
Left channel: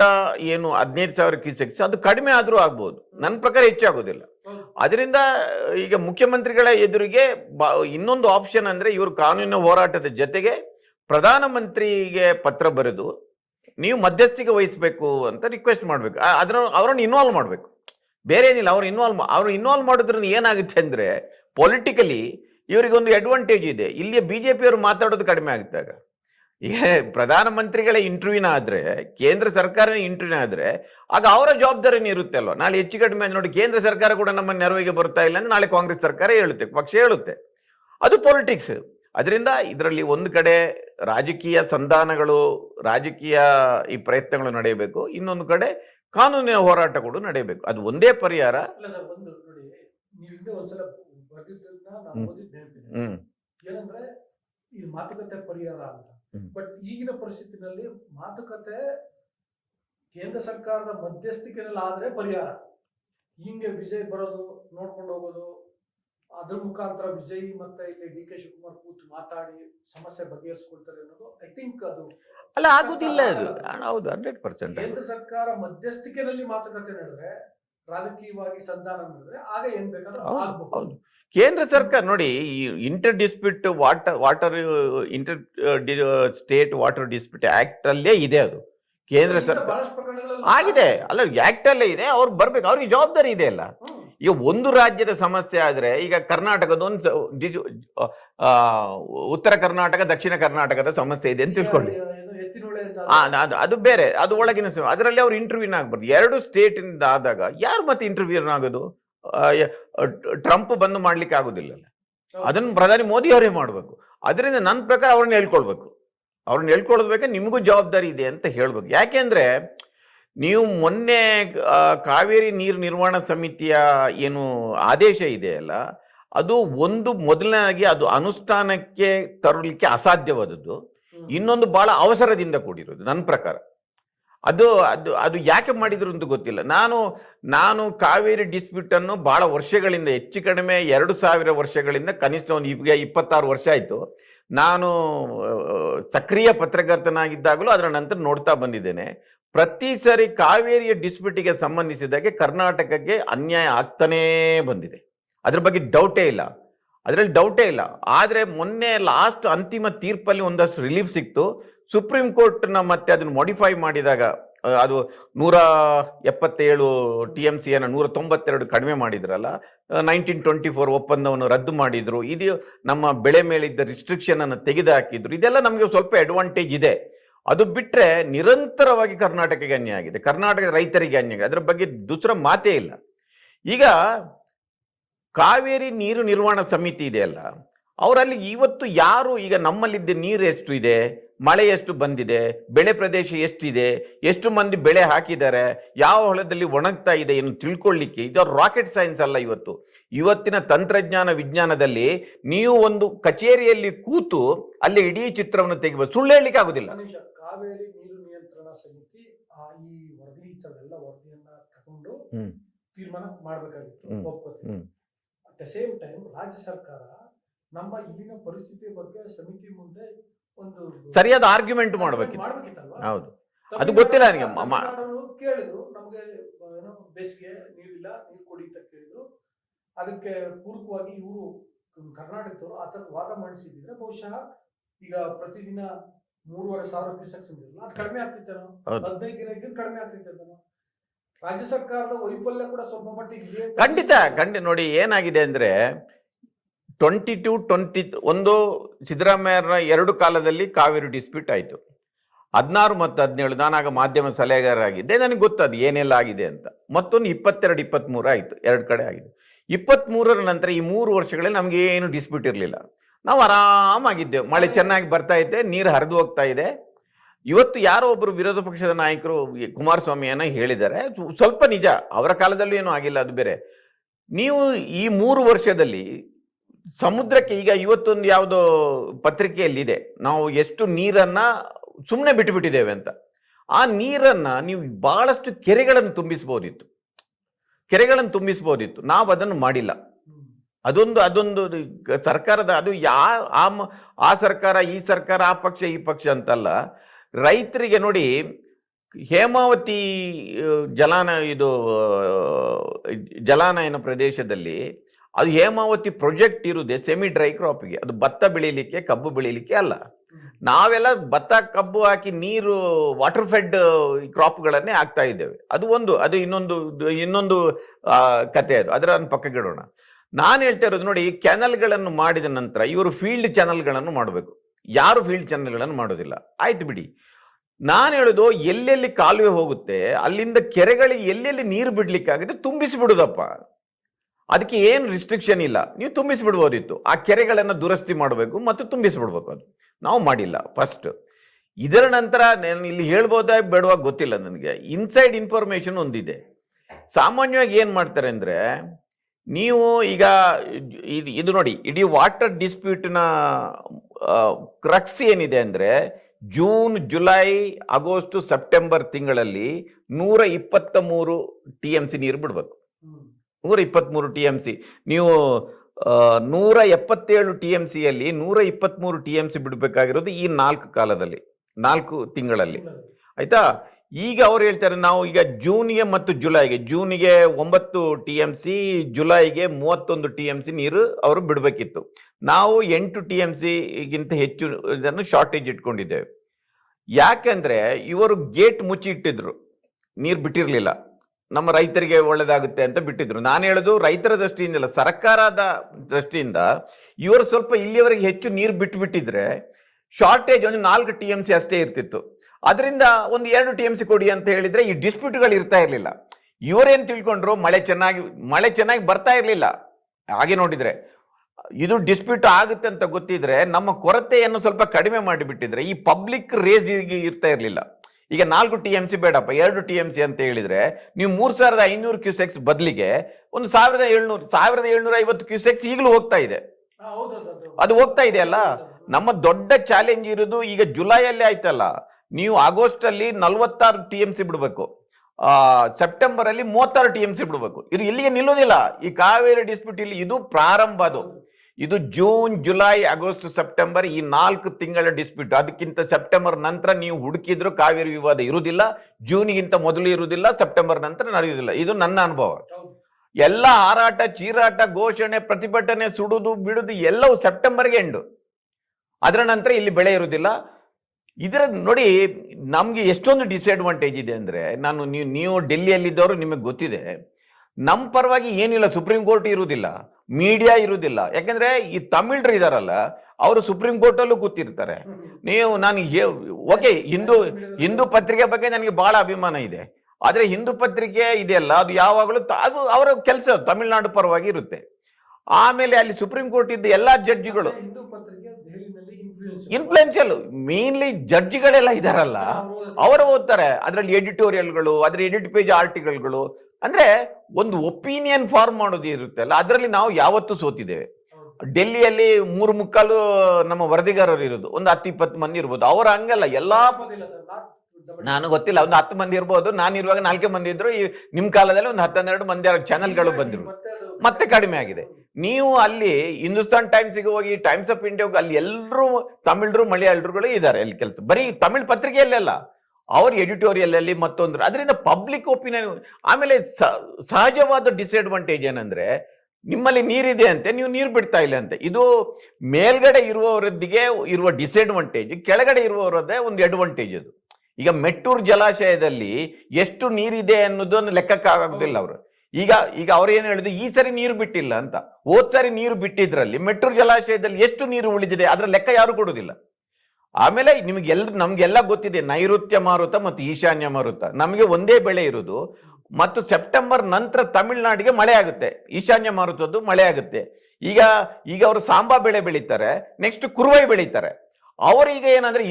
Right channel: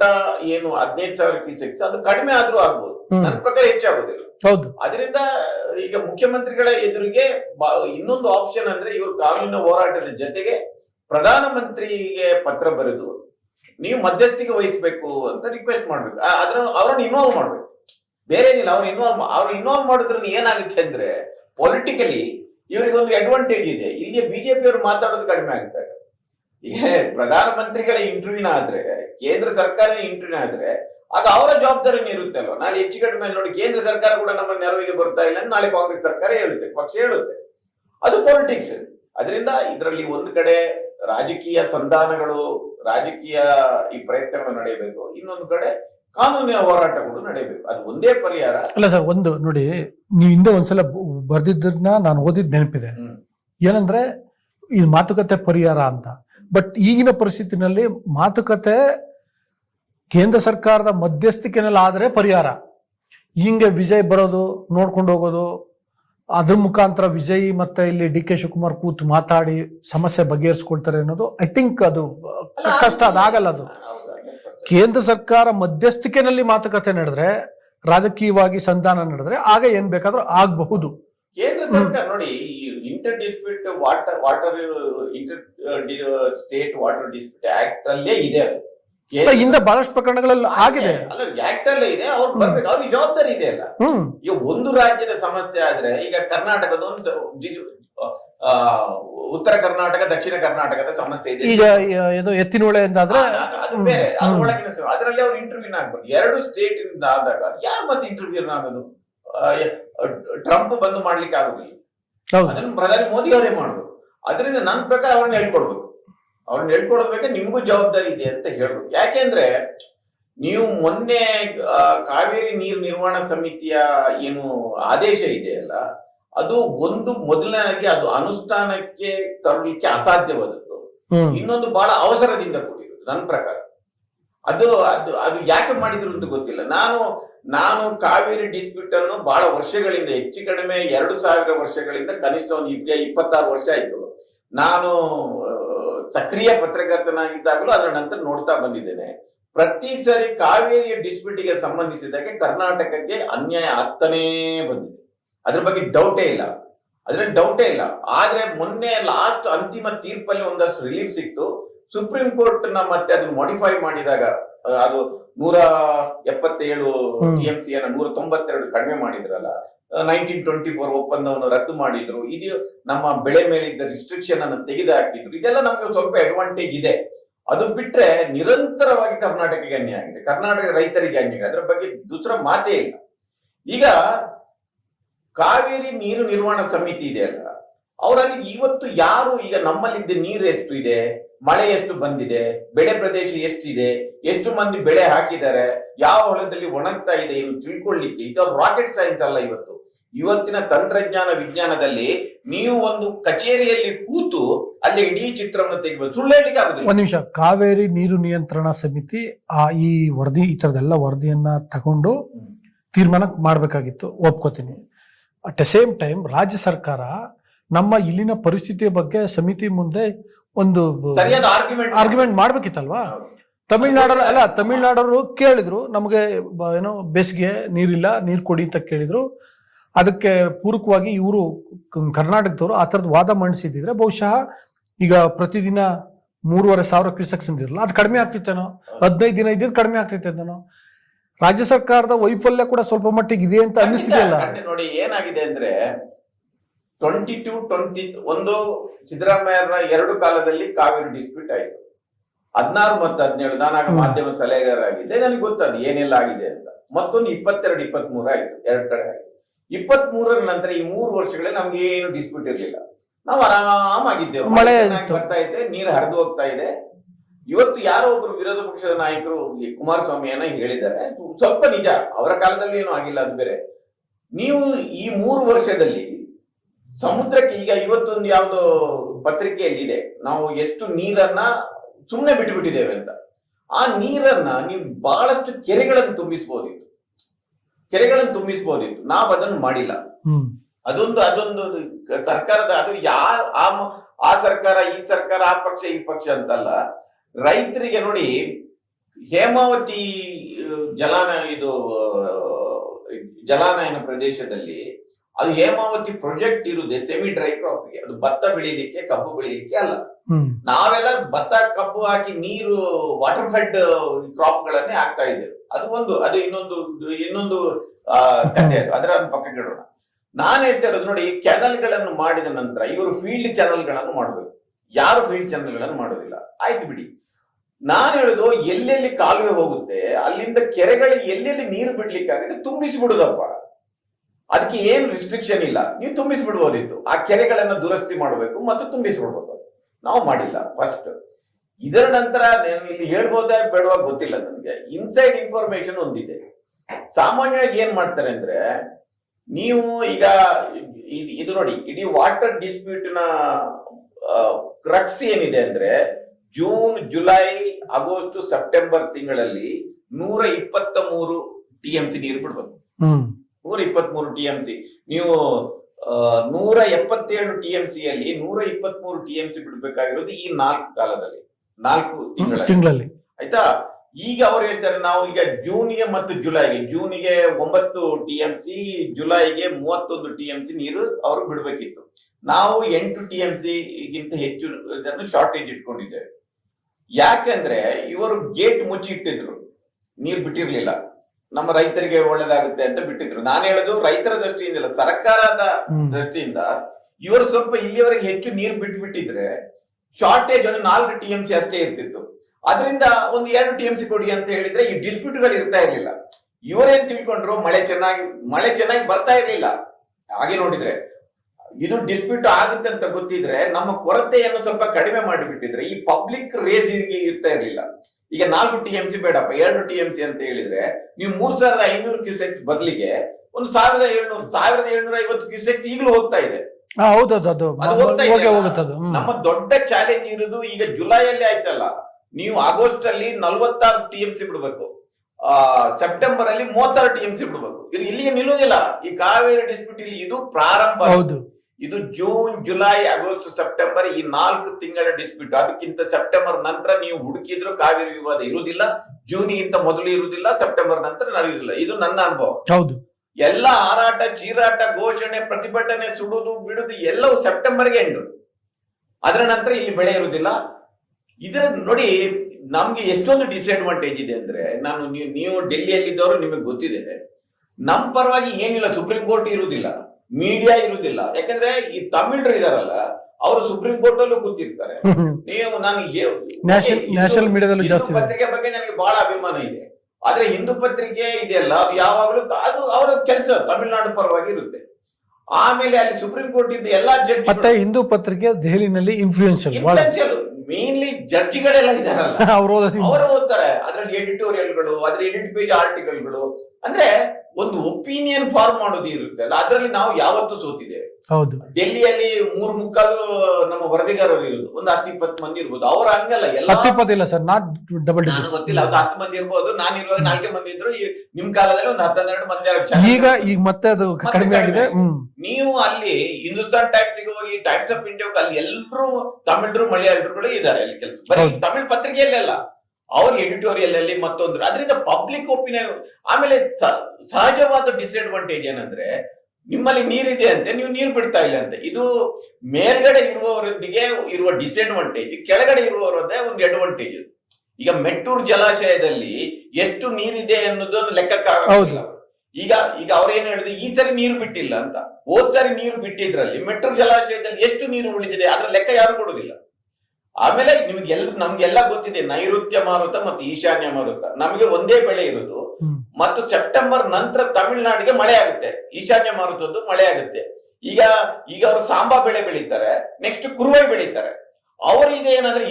ಏನು 15,000 ಕ್ಯೂಸೆಕ್ಸ್ ಅದು ಕಡಿಮೆ ಆದ್ರೂ ಆಗ್ಬಹುದು, ನನ್ನ ಪ್ರಕಾರ ಹೆಚ್ಚಾಗೋದಿಲ್ಲ. ಹೌದು. ಅದರಿಂದ ಈಗ ಮುಖ್ಯಮಂತ್ರಿಗಳ ಎದುರಿಗೆ ಇನ್ನೊಂದು ಆಪ್ಷನ್ ಅಂದ್ರೆ, ಇವರು ಕಾನೂನಿನ ಹೋರಾಟದ ಜೊತೆಗೆ ಪ್ರಧಾನಮಂತ್ರಿಗೆ ಪತ್ರ ಬರೆದು ನೀವು ಮಧ್ಯಸ್ಥಿಕೆ ವಹಿಸಬೇಕು ಅಂತ ರಿಕ್ವೆಸ್ಟ್ ಮಾಡ್ಬೇಕು. ಅವ್ರನ್ನ ಇನ್ವಾಲ್ವ್ ಮಾಡ್ಬೇಕು, ಬೇರೆ ಏನಿಲ್ಲ. ಅವ್ರು ಇನ್ವಾಲ್ವ್ ಮಾಡೋದ್ರಿಂದ ಏನಾಗುತ್ತೆ ಅಂದ್ರೆ, ಪೊಲಿಟಿಕಲಿ ಇವರಿಗೊಂದು ಅಡ್ವಾಂಟೇಜ್ ಇದೆ. ಇಲ್ಲಿ ಬಿಜೆಪಿ ಅವರು ಮಾತಾಡೋದು ಕಡಿಮೆ ಆಗಿದ್ದಾಗ, ಈಗ ಪ್ರಧಾನಮಂತ್ರಿಗಳ ಇಂಟರ್ವ್ಯೂನ ಆದ್ರೆ, ಕೇಂದ್ರ ಸರ್ಕಾರ ಇಂಟರ್ವ್ಯೂನ ಆದ್ರೆ, ಆಗ ಅವರ ಜವಾಬ್ದಾರಿನೇ ಇರುತ್ತೆ ಅಲ್ವಾ. ನಾಳೆ ಹೆಚ್ಚು ಕಡಿಮೆ ನೋಡಿ ಕೇಂದ್ರ ಸರ್ಕಾರ ಕೂಡ ನಮ್ಮ ನೆರವಿಗೆ ಬರ್ತಾ ಇಲ್ಲ, ನಾಳೆ ಕಾಂಗ್ರೆಸ್ ಸರ್ಕಾರ ಹೇಳುತ್ತೆ, ಪಕ್ಷ ಹೇಳುತ್ತೆ. ಅದು ಪೊಲಿಟಿಕ್ಸ್. ಅದರಿಂದ ಇದರಲ್ಲಿ ಒಂದು ಕಡೆ ರಾಜಕೀಯ ಸಂಧಾನಗಳು, ರಾಜಕೀಯ ಈ ಪ್ರಯತ್ನಗಳು ನಡೆಯಬೇಕು, ಇನ್ನೊಂದು ಕಡೆ ಕಾನೂನಿನ ಹೋರಾಟಗಳು ನಡೆಯಬೇಕು. ಅದು ಒಂದೇ ಪರಿಹಾರ ಅಲ್ಲ ಸರ್. ಒಂದು ನೋಡಿ, ನೀವು ಹಿಂದೆ ಒಂದ್ಸಲ ಬರ್ದಿದ್ದನ್ನ ನಾನು ಓದಿದ್ ನೆನಪಿದೆ. ಏನಂದ್ರೆ ಇದು ಮಾತುಕತೆ ಪರಿಹಾರ ಅಂತ. ಬಟ್ ಈಗಿನ ಪರಿಸ್ಥಿತಿನಲ್ಲಿ ಮಾತುಕತೆ ಕೇಂದ್ರ ಸರ್ಕಾರದ ಮಧ್ಯಸ್ಥಿಕೆನಲ್ಲಿ ಆದ್ರೆ ಪರಿಹಾರ. ಹಿಂಗೆ ವಿಜಯ್ ಬರೋದು, ನೋಡ್ಕೊಂಡು ಹೋಗೋದು, ಅದ್ರ ಮುಖಾಂತರ ವಿಜಯ್ ಮತ್ತೆ ಇಲ್ಲಿ ಡಿ ಕೆ ಶಿವಕುಮಾರ್ ಕೂತು ಮಾತಾಡಿ ಸಮಸ್ಯೆ ಬಗೆಹರಿಸ್ಕೊಳ್ತಾರೆ ಅನ್ನೋದು ಐ ಥಿಂಕ್ ಅದು ಕಷ್ಟ. ಅದಾಗಲ್ಲ ಅದು. ಕೇಂದ್ರ ಸರ್ಕಾರ ಮಧ್ಯಸ್ಥಿಕೆನಲ್ಲಿ ಮಾತುಕತೆ ನಡೆದ್ರೆ, ರಾಜಕೀಯವಾಗಿ ಸಂಧಾನ ನಡೆದ್ರೆ, ಆಗ ಏನ್ ಬೇಕಾದ್ರೂ ಆಗಬಹುದು. ಕೇಂದ್ರ ಸರ್ಕಾರ ನೋಡಿ, inter dispute inter state water dispute act ಅಲ್ಲೇ ಇದೆ ಅದು. ಹಿಂದೆ ಬಹಳಷ್ಟು ಪ್ರಕರಣಗಳಲ್ಲಿ ಆಗಿದೆ. ಅಲ್ಲ, ಆಕ್ಟ್ ಅಲ್ಲೇ ಇದೆ, ಅವ್ರು ಬರ್ಬೇಕು, ಅವ್ರಿಗೆ ಜವಾಬ್ದಾರಿ ಇದೆ ಅಲ್ಲ. ಈಗ ಒಂದು ರಾಜ್ಯದ ಸಮಸ್ಯೆ ಆದ್ರೆ, ಈಗ ಕರ್ನಾಟಕದ ಒಂದು ಉತ್ತರ ಕರ್ನಾಟಕ, ದಕ್ಷಿಣ ಕರ್ನಾಟಕದ ಸಮಸ್ಯೆ ಇದೆ, ಎತ್ತಿನೊಳೆ ಅದು ಬೇರೆ, ಅದು ಒಳಗಿನ ಅದರಲ್ಲಿ ಅವ್ರು ಇಂಟರ್ವ್ಯೂನ್ ಆಗ್ಬಾರ್ದು. ಎರಡು ಸ್ಟೇಟ್ ಇಂದ ಆದಾಗ ಯಾರು ಮತ್ತೆ ಇಂಟರ್ವ್ಯೂನ್ ಆಗೋದು? ಟ್ರಂಪ್ ಬಂದು ಮಾಡ್ಲಿಕ್ಕೆ ಆಗುದಿಲ್ಲ, ಅದನ್ನು ಪ್ರಧಾನಿ ಮೋದಿ ಅವರೇ ಮಾಡ್ಬೇಕು. ಅದರಿಂದ ನನ್ನ ಪ್ರಕಾರ ಅವ್ರನ್ನ ಹೇಳ್ಕೊಡ್ಬೇಕಾದ್ರೆ ನಿಮ್ಗೂ ಜವಾಬ್ದಾರಿ ಇದೆ ಅಂತ ಹೇಳ್ಬೇಕು. ಯಾಕೆಂದ್ರೆ ನೀವು ಮೊನ್ನೆ ಕಾವೇರಿ ನೀರು ನಿರ್ವಹಣಾ ಸಮಿತಿಯ ಏನು ಆದೇಶ ಇದೆಯಲ್ಲ, ಅದು ಒಂದು ಮೊದಲನೇದಾಗಿ ಅದು ಅನುಷ್ಠಾನಕ್ಕೆ ತರಲಿಕ್ಕೆ ಅಸಾಧ್ಯವಾದದ್ದು, ಇನ್ನೊಂದು ಬಹಳ ಅವಸರದಿಂದ ಕೂಡಿರೋದು ನನ್ನ ಪ್ರಕಾರ. ಅದು ಅದು ಅದು ಯಾಕೆ ಮಾಡಿದ್ರು ಅಂತ ಗೊತ್ತಿಲ್ಲ. ನಾನು ಕಾವೇರಿ ಡಿಸ್ಪ್ಯೂಟ್ ಅನ್ನು ಬಹಳ ವರ್ಷಗಳಿಂದ, ಹೆಚ್ಚು ಕಡಿಮೆ 2000 ವರ್ಷಗಳಿಂದ, ಕನಿಷ್ಠ ಒಂದು ಈಗ 26 ವರ್ಷ ಆಯ್ತು, ನಾನು ಸಕ್ರಿಯ ಪತ್ರಕರ್ತನಾಗಿದ್ದಾಗಲೂ ಅದರ ನಂತರ ನೋಡ್ತಾ ಬಂದಿದ್ದೇನೆ. ಪ್ರತಿ ಸರಿ ಕಾವೇರಿಯ ಡಿಸ್ಪ್ಯೂಟಿಗೆ ಸಂಬಂಧಿಸಿದಾಗೆ ಕರ್ನಾಟಕಕ್ಕೆ ಅನ್ಯಾಯ ಆಗ್ತಾನೇ ಬಂದಿದೆ, ಅದ್ರ ಬಗ್ಗೆ ಡೌಟೇ ಇಲ್ಲ. ಆದ್ರೆ ಮೊನ್ನೆ ಲಾಸ್ಟ್ ಅಂತಿಮ ತೀರ್ಪಲ್ಲಿ ಒಂದಷ್ಟು ರಿಲೀಫ್ ಸಿಕ್ತು. ಸುಪ್ರೀಂ ಕೋರ್ಟ್ ಮತ್ತೆ ಅದನ್ನು ಮಾಡಿಫೈ ಮಾಡಿದಾಗ ಅದು 177 TMC 192 ಕಡಿಮೆ ಮಾಡಿದ್ರಲ್ಲ, 1924 ಒಪ್ಪಂದವನ್ನು ರದ್ದು ಮಾಡಿದ್ರು, ಇದು ನಮ್ಮ ಬೆಳೆ ಮೇಲಿದ್ದ ರಿಸ್ಟ್ರಿಕ್ಷನ್ ಅನ್ನು ತೆಗೆದು ಹಾಕಿದ್ರು. ಇದೆಲ್ಲ ನಮಗೆ ಸ್ವಲ್ಪ ಅಡ್ವಾಂಟೇಜ್ ಇದೆ. ಅದು ಬಿಟ್ರೆ ನಿರಂತರವಾಗಿ ಕರ್ನಾಟಕಕ್ಕೆ ಅನ್ಯಾಯ ಆಗಿದೆ, ಕರ್ನಾಟಕದ ರೈತರಿಗೆ ಅನ್ಯಾಯ ಆಗಿದೆ, ಅದ್ರ ಬಗ್ಗೆ ದುಸ್ರ ಮಾತೇ ಇಲ್ಲ. ಈಗ ಕಾವೇರಿ ನೀರು ನಿರ್ವಹಣಾ ಸಮಿತಿ ಇದೆಯಲ್ಲ, ಅವರಲ್ಲಿ ಇವತ್ತು ಯಾರು, ಈಗ ನಮ್ಮಲ್ಲಿದ್ದ ನೀರು ಎಷ್ಟು ಇದೆ, ಮಳೆ ಎಷ್ಟು ಬಂದಿದೆ, ಬೆಳೆ ಪ್ರದೇಶ ಎಷ್ಟಿದೆ, ಎಷ್ಟು ಮಂದಿ ಬೆಳೆ ಹಾಕಿದ್ದಾರೆ, ಯಾವ ಹೊಲದಲ್ಲಿ ಒಣಗ್ತಾ ಇದೆ ಏನು ತಿಳ್ಕೊಳ್ಳಿಕ್ಕೆ ಇದು ರಾಕೆಟ್ ಸೈನ್ಸ್ ಅಲ್ಲ. ಇವತ್ತಿನ ತಂತ್ರಜ್ಞಾನ ವಿಜ್ಞಾನದಲ್ಲಿ ನೀವು ಒಂದು ಕಚೇರಿಯಲ್ಲಿ ಕೂತು ಅಲ್ಲಿ ಇಡೀ ಚಿತ್ರವನ್ನು ತೆಗಿಬಹುದು, ಸುಳ್ಳು ಹೇಳಲಿಕ್ಕೆ ಆಗುದಿಲ್ಲ. ಒಂದ್ ನಿಮಿಷ, ಕಾವೇರಿ ನೀರು ನಿಯಂತ್ರಣ ಸಮಿತಿ ಈ ವರದಿ, ಈ ತರದೆಲ್ಲ ವರದಿಯನ್ನ ತಗೊಂಡು ತೀರ್ಮಾನ ಮಾಡ್ಬೇಕಾಗಿತ್ತು, ಒಪ್ಕೋತೀನಿ. ಅಟ್ ದ ಸೇಮ್ ಟೈಮ್ ರಾಜ್ಯ ಸರ್ಕಾರ ನಮ್ಮ ಇಲ್ಲಿನ ಪರಿಸ್ಥಿತಿಯ ಬಗ್ಗೆ ಸಮಿತಿ ಮುಂದೆ ಒಂದು ಸರಿಯಾದ ಆರ್ಗ್ಯುಮೆಂಟ್ ಮಾಡ್ಬೇಕಿತ್ತಲ್ವಾ? ತಮಿಳ್ನಾಡವರು ಕೇಳಿದ್ರು, ನಮಗೆ ಏನೋ ಬೇಸಿಗೆ ನೀರಿಲ್ಲ, ನೀರು ಕೊಡಿ ಅಂತ ಕೇಳಿದ್ರು. ಅದಕ್ಕೆ ಪೂರಕವಾಗಿ ಇವರು ಕರ್ನಾಟಕದವರು ಆ ಥರದ ವಾದ ಮಂಡಿಸಿದ್ರೆ ಬಹುಶಃ ಈಗ ಪ್ರತಿದಿನ 3,500 ಕ್ಯೂಸೆಕ್ಸ್ ಇರಲ್ಲ, ಅದು ಕಡಿಮೆ ಆಗ್ತಿತ್ತೇನೋ, 15 ದಿನ ಇದ್ದಿದ್ದು ಕಡಿಮೆ ಆಗ್ತಿತ್ತೇನೋ. ರಾಜ್ಯ ಸರ್ಕಾರದ ವೈಫಲ್ಯ ಕೂಡ ಸ್ವಲ್ಪ ಮಟ್ಟಿಗೆ ಇದೆ ಅಂತ ಅನಿಸ್ತಿಲ್ಲ. ನೋಡಿ, ಏನಾಗಿದೆ ಅಂದ್ರೆ 22-21 ಸಿದ್ದರಾಮಯ್ಯರ 2 ಕಾಲದಲ್ಲಿ ಕಾವೇರಿ ಡಿಸ್ಪ್ಯೂಟ್ ಆಯ್ತು. 16 ಮತ್ತು 17 ನಾನಾಗ ಮಾಧ್ಯಮ ಸಲಹೆಗಾರ ಆಗಿದ್ದೆ, ನನಗೆ ಗೊತ್ತದು ಏನೆಲ್ಲ ಆಗಿದೆ ಅಂತ. ಮತ್ತೊಂದು 22-23 ಆಯ್ತು, 2 ಕಡೆ ಆಗಿದೆ. 23ರ ನಂತರ ಈ 3 ವರ್ಷಗಳಲ್ಲಿ ನಮ್ಗೆ ಏನು ಡಿಸ್ಪ್ಯೂಟ್ ಇರಲಿಲ್ಲ. ನಾವು ಆರಾಮಾಗಿದ್ದೇವೆ. ಮಳೆ ಮಳೆ ಚೆನ್ನಾಗಿ ಇತ್ತು. ಬರ್ತಾ ಇದೆ, ನೀರು ಹರಿದು ಹೋಗ್ತಾ ಇದೆ. ಇವತ್ತು ಯಾರೋ ಒಬ್ರು ವಿರೋಧ ಪಕ್ಷದ ನಾಯಕರು ಈ ಕುಮಾರಸ್ವಾಮಿಯನ್ನ ಹೇಳಿದ್ದಾರೆ. ಸ್ವಲ್ಪ ನಿಜ, ಅವರ ಕಾಲದಲ್ಲೂ ಏನೂ ಆಗಿಲ್ಲ, ಅದು ಬೇರೆ. ನೀವು ಈ 3 ವರ್ಷದಲ್ಲಿ ಸಮುದ್ರಕ್ಕೆ ಈಗ ಇವತ್ತೊಂದು ಯಾವುದೋ ಪತ್ರಿಕೆಯಲ್ಲಿದೆ, ನಾವು ಎಷ್ಟು ನೀರನ್ನ ಸುಮ್ಮನೆ ಬಿಟ್ಟುಬಿಟ್ಟಿದ್ದೇವೆ ಅಂತ. ಆ ನೀರನ್ನ ನೀವು ಬಹಳಷ್ಟು ಕೆರೆಗಳನ್ನು ತುಂಬಿಸಬಹುದಿತ್ತು. ನಾವು ಅದನ್ನು ಮಾಡಿಲ್ಲ. ಅದೊಂದು ಸರ್ಕಾರದ, ಅದು ಆ ಸರ್ಕಾರ, ಈ ಸರ್ಕಾರ, ಆ ಪಕ್ಷ ಈ ಪಕ್ಷ ಅಂತಲ್ಲ. ರೈತರಿಗೆ ನೋಡಿ, ಹೇಮಾವತಿ ಜಲಾನಯನ ಪ್ರದೇಶದಲ್ಲಿ ಅದು ಹೇಮಾವತಿ ಪ್ರಾಜೆಕ್ಟ್ ಇರುವುದೇ ಸೆಮಿ ಡ್ರೈ ಕ್ರಾಪ್ಗೆ, ಅದು ಭತ್ತ ಬೆಳೀಲಿಕ್ಕೆ, ಕಬ್ಬು ಬೆಳೀಲಿಕ್ಕೆ ಅಲ್ಲ. ನಾವೆಲ್ಲ ಭತ್ತ ಕಬ್ಬು ಹಾಕಿ ನೀರು ವಾಟರ್ ಫೆಡ್ ಕ್ರಾಪ್ಗಳನ್ನೇ ಹಾಕ್ತಾ ಇದ್ದೇವೆ. ಅದು ಇನ್ನೊಂದು ಕತೆ. ಅದು ಅದರ ಪಕ್ಕಕ್ಕಿಡೋಣ. ನಾನು ಹೇಳ್ತಾ ಇರೋದು ನೋಡಿ, ಚಾನಲ್ಗಳನ್ನು ಮಾಡಿದ ನಂತರ ಇವರು ಫೀಲ್ಡ್ ಚಾನಲ್ಗಳನ್ನು ಮಾಡಬೇಕು. ಯಾರು ಫೀಲ್ಡ್ ಚಾನಲ್ಗಳನ್ನು ಮಾಡೋದಿಲ್ಲ, ಆಯ್ತು ಬಿಡಿ. ನಾನು ಹೇಳೋದು, ಎಲ್ಲೆಲ್ಲಿ ಕಾಲುವೆ ಹೋಗುತ್ತೆ ಅಲ್ಲಿಂದ ಕೆರೆಗಳಿಗೆ ಎಲ್ಲೆಲ್ಲಿ ನೀರು ಬಿಡ್ಲಿಕ್ಕಾಗುತ್ತೆ ತುಂಬಿಸಿಬಿಡುದಪ್ಪ. ಅದಕ್ಕೆ ಏನು ರಿಸ್ಟ್ರಿಕ್ಷನ್ ಇಲ್ಲ, ನೀವು ತುಂಬಿಸಿಬಿಡ್ಬೋದಿತ್ತು. ಆ ಕೆರೆಗಳನ್ನು ದುರಸ್ತಿ ಮಾಡಬೇಕು ಮತ್ತು ತುಂಬಿಸಿಬಿಡ್ಬೇಕು. ಅದು ನಾವು ಮಾಡಿಲ್ಲ. ಫಸ್ಟ್ ಇದರ ನಂತರ ನಾನು ಇಲ್ಲಿ ಹೇಳ್ಬೋದೇ ಬೇಡವಾ ಗೊತ್ತಿಲ್ಲ ನನಗೆ. ಇನ್ಸೈಡ್ ಇನ್ಫಾರ್ಮೇಶನ್ ಒಂದಿದೆ. ಸಾಮಾನ್ಯವಾಗಿ ಏನ್ ಮಾಡ್ತಾರೆ ಅಂದ್ರೆ, ನೀವು ಈಗ ಇದು ನೋಡಿ, ಇಡೀ ವಾಟರ್ ಡಿಸ್ಪ್ಯೂಟ್ನ ಕ್ರಕ್ಸ್ ಏನಿದೆ ಅಂದ್ರೆ, ಜೂನ್, ಜುಲೈ, ಆಗಸ್ಟ್, ಸೆಪ್ಟೆಂಬರ್ ತಿಂಗಳಲ್ಲಿ 123 TMC ನೀರು ಬಿಡ್ಬೇಕು. 123 TMC. ನೀವು 177 TMCಯಲ್ಲಿ 123 TMC ಬಿಡ್ಬೇಕಾಗಿರೋದು ಈ 4 ತಿಂಗಳಲ್ಲಿ. ಆಯ್ತಾ? ಈಗ ಅವ್ರು ಹೇಳ್ತಾರೆ, ನಾವು ಈಗ ಜೂನ್ಗೆ ಮತ್ತು ಜೂನಿಗೆ 9 TMC, ಜುಲೈಗೆ 31 TMC ನೀರು ಅವರು ಬಿಡಬೇಕಿತ್ತು. ನಾವು 8 TMC ಗಿಂತ ಹೆಚ್ಚು ಇದನ್ನು ಶಾರ್ಟೇಜ್ ಇಟ್ಕೊಂಡಿದ್ದೇವೆ. ಯಾಕಂದ್ರೆ ಇವರು ಗೇಟ್ ಮುಚ್ಚಿ ಇಟ್ಟಿದ್ರು, ನೀರು ಬಿಟ್ಟಿರ್ಲಿಲ್ಲ. ನಮ್ಮ ರೈತರಿಗೆ ಒಳ್ಳೇದಾಗುತ್ತೆ ಅಂತ ಬಿಟ್ಟಿದ್ರು. ನಾನು ಹೇಳೋದು ರೈತರ ದೃಷ್ಟಿಯಿಂದಲ್ಲ, ಸರ್ಕಾರದ ದೃಷ್ಟಿಯಿಂದ. ಇವರು ಸ್ವಲ್ಪ ಇಲ್ಲಿವರೆಗೆ ಹೆಚ್ಚು ನೀರು ಬಿಟ್ಟಿದ್ರೆ ಶಾರ್ಟೇಜ್ ಒಂದು 4 TMC ಅಷ್ಟೇ ಇರ್ತಿತ್ತು. ಅದರಿಂದ ಒಂದು 2 TMC ಕೊಡಿ ಅಂತ ಹೇಳಿದ್ರೆ ಈ ಡಿಸ್ಪ್ಯೂಟ್ಗಳು ಇರ್ತಾ ಇರ್ಲಿಲ್ಲ. ಇವರೇನ್ ತಿಳ್ಕೊಂಡ್ರು, ಮಳೆ ಚೆನ್ನಾಗಿ ಬರ್ತಾ ಇರ್ಲಿಲ್ಲ. ಹಾಗೆ ನೋಡಿದ್ರೆ ಇದು ಡಿಸ್ಪ್ಯೂಟ್ ಆಗುತ್ತೆ ಅಂತ ಗೊತ್ತಿದ್ರೆ ನಮ್ಮ ಕೊರತೆಯನ್ನು ಸ್ವಲ್ಪ ಕಡಿಮೆ ಮಾಡಿಬಿಟ್ಟಿದ್ರೆ ಈ ಪಬ್ಲಿಕ್ ರೇಸ್ ಇರ್ತಾ ಇರ್ಲಿಲ್ಲ. ಈಗ 4 TMC ಬೇಡಪ್ಪ, 2 TMC ಅಂತ ಹೇಳಿದ್ರೆ ನೀವು 3500 ಕ್ಯೂಸೆಕ್ಸ್ ಬದಲಿಗೆ ಒಂದು 1750 ಕ್ಯೂಸೆಕ್ಸ್ ಈಗಲೂ ಹೋಗ್ತಾ ಇದೆ. ಅದು ಹೋಗ್ತಾ ಇದೆ. ನಮ್ಮ ದೊಡ್ಡ ಚಾಲೆಂಜ್ ಇರೋದು ಈಗ ಜುಲೈಯಲ್ಲಿ ಆಯ್ತಲ್ಲ, ನೀವು ಆಗಸ್ಟ್ ಅಲ್ಲಿ 46 TMC ಬಿಡಬೇಕು, ಸೆಪ್ಟೆಂಬರ್ ಅಲ್ಲಿ 36 TMC ಬಿಡಬೇಕು. ಇದು ಇಲ್ಲಿಗೆ ನಿಲ್ಲೋದಿಲ್ಲ. ಈ ಕಾವೇರಿ ಡಿಸ್ಪ್ಯೂಟ್ ಇಲ್ಲಿ ಇದು ಪ್ರಾರಂಭ. ಇದು ಜೂನ್, ಜುಲೈ, ಆಗಸ್ಟ್, ಸೆಪ್ಟೆಂಬರ್ ಈ 4 ತಿಂಗಳ ಡಿಸ್ಪ್ಯೂಟ್. ಅದಕ್ಕಿಂತ ಸೆಪ್ಟೆಂಬರ್ ನಂತರ ನೀವು ಹುಡುಕಿದ್ರು ಕಾವೇರಿ ವಿವಾದ ಇರುವುದಿಲ್ಲ. ಜೂನ್ಗಿಂತ ಮೊದಲು ಇರುವುದಿಲ್ಲ, ಸೆಪ್ಟೆಂಬರ್ ನಂತರ ನಡೆಯುವುದಿಲ್ಲ. ಇದು ನನ್ನ ಅನುಭವ. ಹೌದು. ಎಲ್ಲ ಹಾರಾಟ, ಚೀರಾಟ, ಘೋಷಣೆ, ಪ್ರತಿಭಟನೆ, ಸುಡುದು ಬಿಡುದು ಎಲ್ಲವೂ ಸೆಪ್ಟೆಂಬರ್ಗೆ ಎಂಡು. ಅದರ ನಂತರ ಇಲ್ಲಿ ಬೆಳೆ ಇರುವುದಿಲ್ಲ. ಇದರ ನೋಡಿ, ನಮ್ಗೆ ಎಷ್ಟೊಂದು ಡಿಸ್ಅಡ್ವಾಂಟೇಜ್ ಇದೆ ಅಂದ್ರೆ, ನೀವು ಡೆಲ್ಲಿಯಲ್ಲಿದ್ದವರು ನಿಮಗೆ ಗೊತ್ತಿದೆ, ನಮ್ಮ ಪರವಾಗಿ ಏನಿಲ್ಲ. ಸುಪ್ರೀಂ ಕೋರ್ಟ್ ಇರುವುದಿಲ್ಲ, ಮೀಡಿಯಾ ಇರುವುದಿಲ್ಲ. ಯಾಕಂದ್ರೆ ಈ ತಮಿಳರು ಇದಾರಲ್ಲ, ಅವರು ಸುಪ್ರೀಂ ಕೋರ್ಟ್ ಅಲ್ಲೂ ಕೂತಿರ್ತಾರೆ. ಹಿಂದೂ ಪತ್ರಿಕೆ ಬಗ್ಗೆ ನನಗೆ ಬಹಳ ಅಭಿಮಾನ ಇದೆ. ಆದ್ರೆ ಹಿಂದೂ ಪತ್ರಿಕೆ ಇದೆಯಲ್ಲ, ಅದು ಯಾವಾಗಲೂ ಅದು ಅವರ ಕೆಲಸ ತಮಿಳುನಾಡು ಪರವಾಗಿ ಇರುತ್ತೆ. ಆಮೇಲೆ ಅಲ್ಲಿ ಸುಪ್ರೀಂ ಕೋರ್ಟ್ ಇದ್ದ ಎಲ್ಲಾ ಜಡ್ಜ್, ಹಿಂದೂ ಪತ್ರಿಕೆ ದೆಹಲಿನಲ್ಲಿ ಇನ್ಫ್ಲೂಯೆನ್ಷಿಯಲ್ ಮೇನ್ಲಿ ಜಡ್ಜಿಗಳೆಲ್ಲ ಇದಾರಲ್ಲ, ಅವರು ಓದ್ತಾರೆ. ಅದರಲ್ಲಿ ಎಡಿಟೋರಿಯಲ್ಗಳು, ಅದ್ರ ಎಡಿಟ್ ಪೇಜ್ ಆರ್ಟಿಕಲ್ಗಳು, ಅಂದ್ರೆ ಒಂದು ಒಪಿನಿಯನ್ ಫಾರ್ಮ್ ಮಾಡೋದು ಇರುತ್ತಲ್ಲ, ಅದರಲ್ಲಿ ನಾವು ಯಾವತ್ತೂ ಸೋತಿದ್ದೇವೆ. ಡೆಲ್ಲಿಯಲ್ಲಿ 3/4 ನಮ್ಮ ವರದಿಗಾರರು ಇರುವುದು, ಒಂದು 10-20 ಮಂದಿ ಇರ್ಬೋದು. ಅವ್ರ ಹಂಗಲ್ಲ, ಎಲ್ಲ ನಾನು ಗೊತ್ತಿಲ್ಲ, ಒಂದು 10 ಮಂದಿ ಇರ್ಬೋದು. ನಾನು ಇರುವಾಗ 4 ಮಂದಿ ಇದ್ರು. ನಿಮ್ ಕಾಲದಲ್ಲಿ ಒಂದು 10-12 ಮಂದಿ. ಮತ್ತೆ ಕಡಿಮೆ. ನೀವು ಅಲ್ಲಿ ಹಿಂದೂಸ್ತಾನ್ ಟೈಮ್ಸ್ಗೆ ಹೋಗಿ, ಟೈಮ್ಸ್ ಆಫ್ ಇಂಡಿಯಾ, ಅಲ್ಲಿ ಎಲ್ಲರೂ ತಮಿಳರು, ಮಲಯಾಳರುಗಳು ಇದ್ದಾರೆ ಅಲ್ಲಿ ಕೆಲಸ. ಬರೀ ತಮಿಳ್ ಪತ್ರಿಕೆಯಲ್ಲೆಲ್ಲ ಅವ್ರ ಎಡಿಟೋರಿಯಲ್ ಅಲ್ಲಿ ಮತ್ತೊಂದು. ಅದರಿಂದ ಪಬ್ಲಿಕ್ ಒಪಿನಿಯನ್. ಆಮೇಲೆ ಸಹಜವಾದ ಡಿಸ್ಅಡ್ವಾಂಟೇಜ್ ಏನಂದ್ರೆ, ನಿಮ್ಮಲ್ಲಿ ನೀರಿದೆ ಅಂತೆ, ನೀವು ನೀರು ಬಿಡ್ತಾ ಇಲ್ಲ ಅಂತೆ. ಇದು ಮೇಲ್ಗಡೆ ಇರುವವರದ್ದಿಗೆ ಇರುವ ಡಿಸ್ಅಡ್ವಾಂಟೇಜ್, ಕೆಳಗಡೆ ಇರುವವರದ್ದೇ ಒಂದು ಅಡ್ವಾಂಟೇಜ್. ಅದು ಈಗ ಮೆಟ್ಟೂರು ಜಲಾಶಯದಲ್ಲಿ ಎಷ್ಟು ನೀರಿದೆ ಅನ್ನೋದೊಂದು ಲೆಕ್ಕಕ್ಕಾಗಲ್ಲ ಅವರು. ಈಗ ಅವ್ರು ಏನು ಹೇಳಿದ್ರು, ಈ ಸರಿ ನೀರು ಬಿಟ್ಟಿಲ್ಲ ಅಂತ. ಹೋದ್ ಸರಿ ನೀರು ಬಿಟ್ಟಿದ್ರಲ್ಲಿ ಮೆಟ್ಟೂರು ಜಲಾಶಯದಲ್ಲಿ ಎಷ್ಟು ನೀರು ಉಳಿದಿದೆ ಅದರ ಲೆಕ್ಕ ಯಾರು ಕೊಡುದಿಲ್ಲ. ಆಮೇಲೆ ನಮ್ಗೆಲ್ಲ ಗೊತ್ತಿದೆ ನೈಋತ್ಯ ಮಾರುತ ಮತ್ತು ಈಶಾನ್ಯ ಮಾರುತ. ನಮಗೆ ಒಂದೇ ಬೆಳೆ ಇರೋದು. ಮತ್ತು ಸೆಪ್ಟೆಂಬರ್ ನಂತರ ತಮಿಳುನಾಡಿಗೆ ಮಳೆ ಆಗುತ್ತೆ, ಈಶಾನ್ಯ ಮಾರುತದ್ದು ಮಳೆ ಆಗುತ್ತೆ. ಈಗ ಅವರು ಸಾಂಬಾ ಬೆಳೆ ಬೆಳೀತಾರೆ, ನೆಕ್ಸ್ಟ್ ಕುರುವೈ ಬೆಳೀತಾರೆ. ಅವರೀಗ ಏನಂದ್ರೆ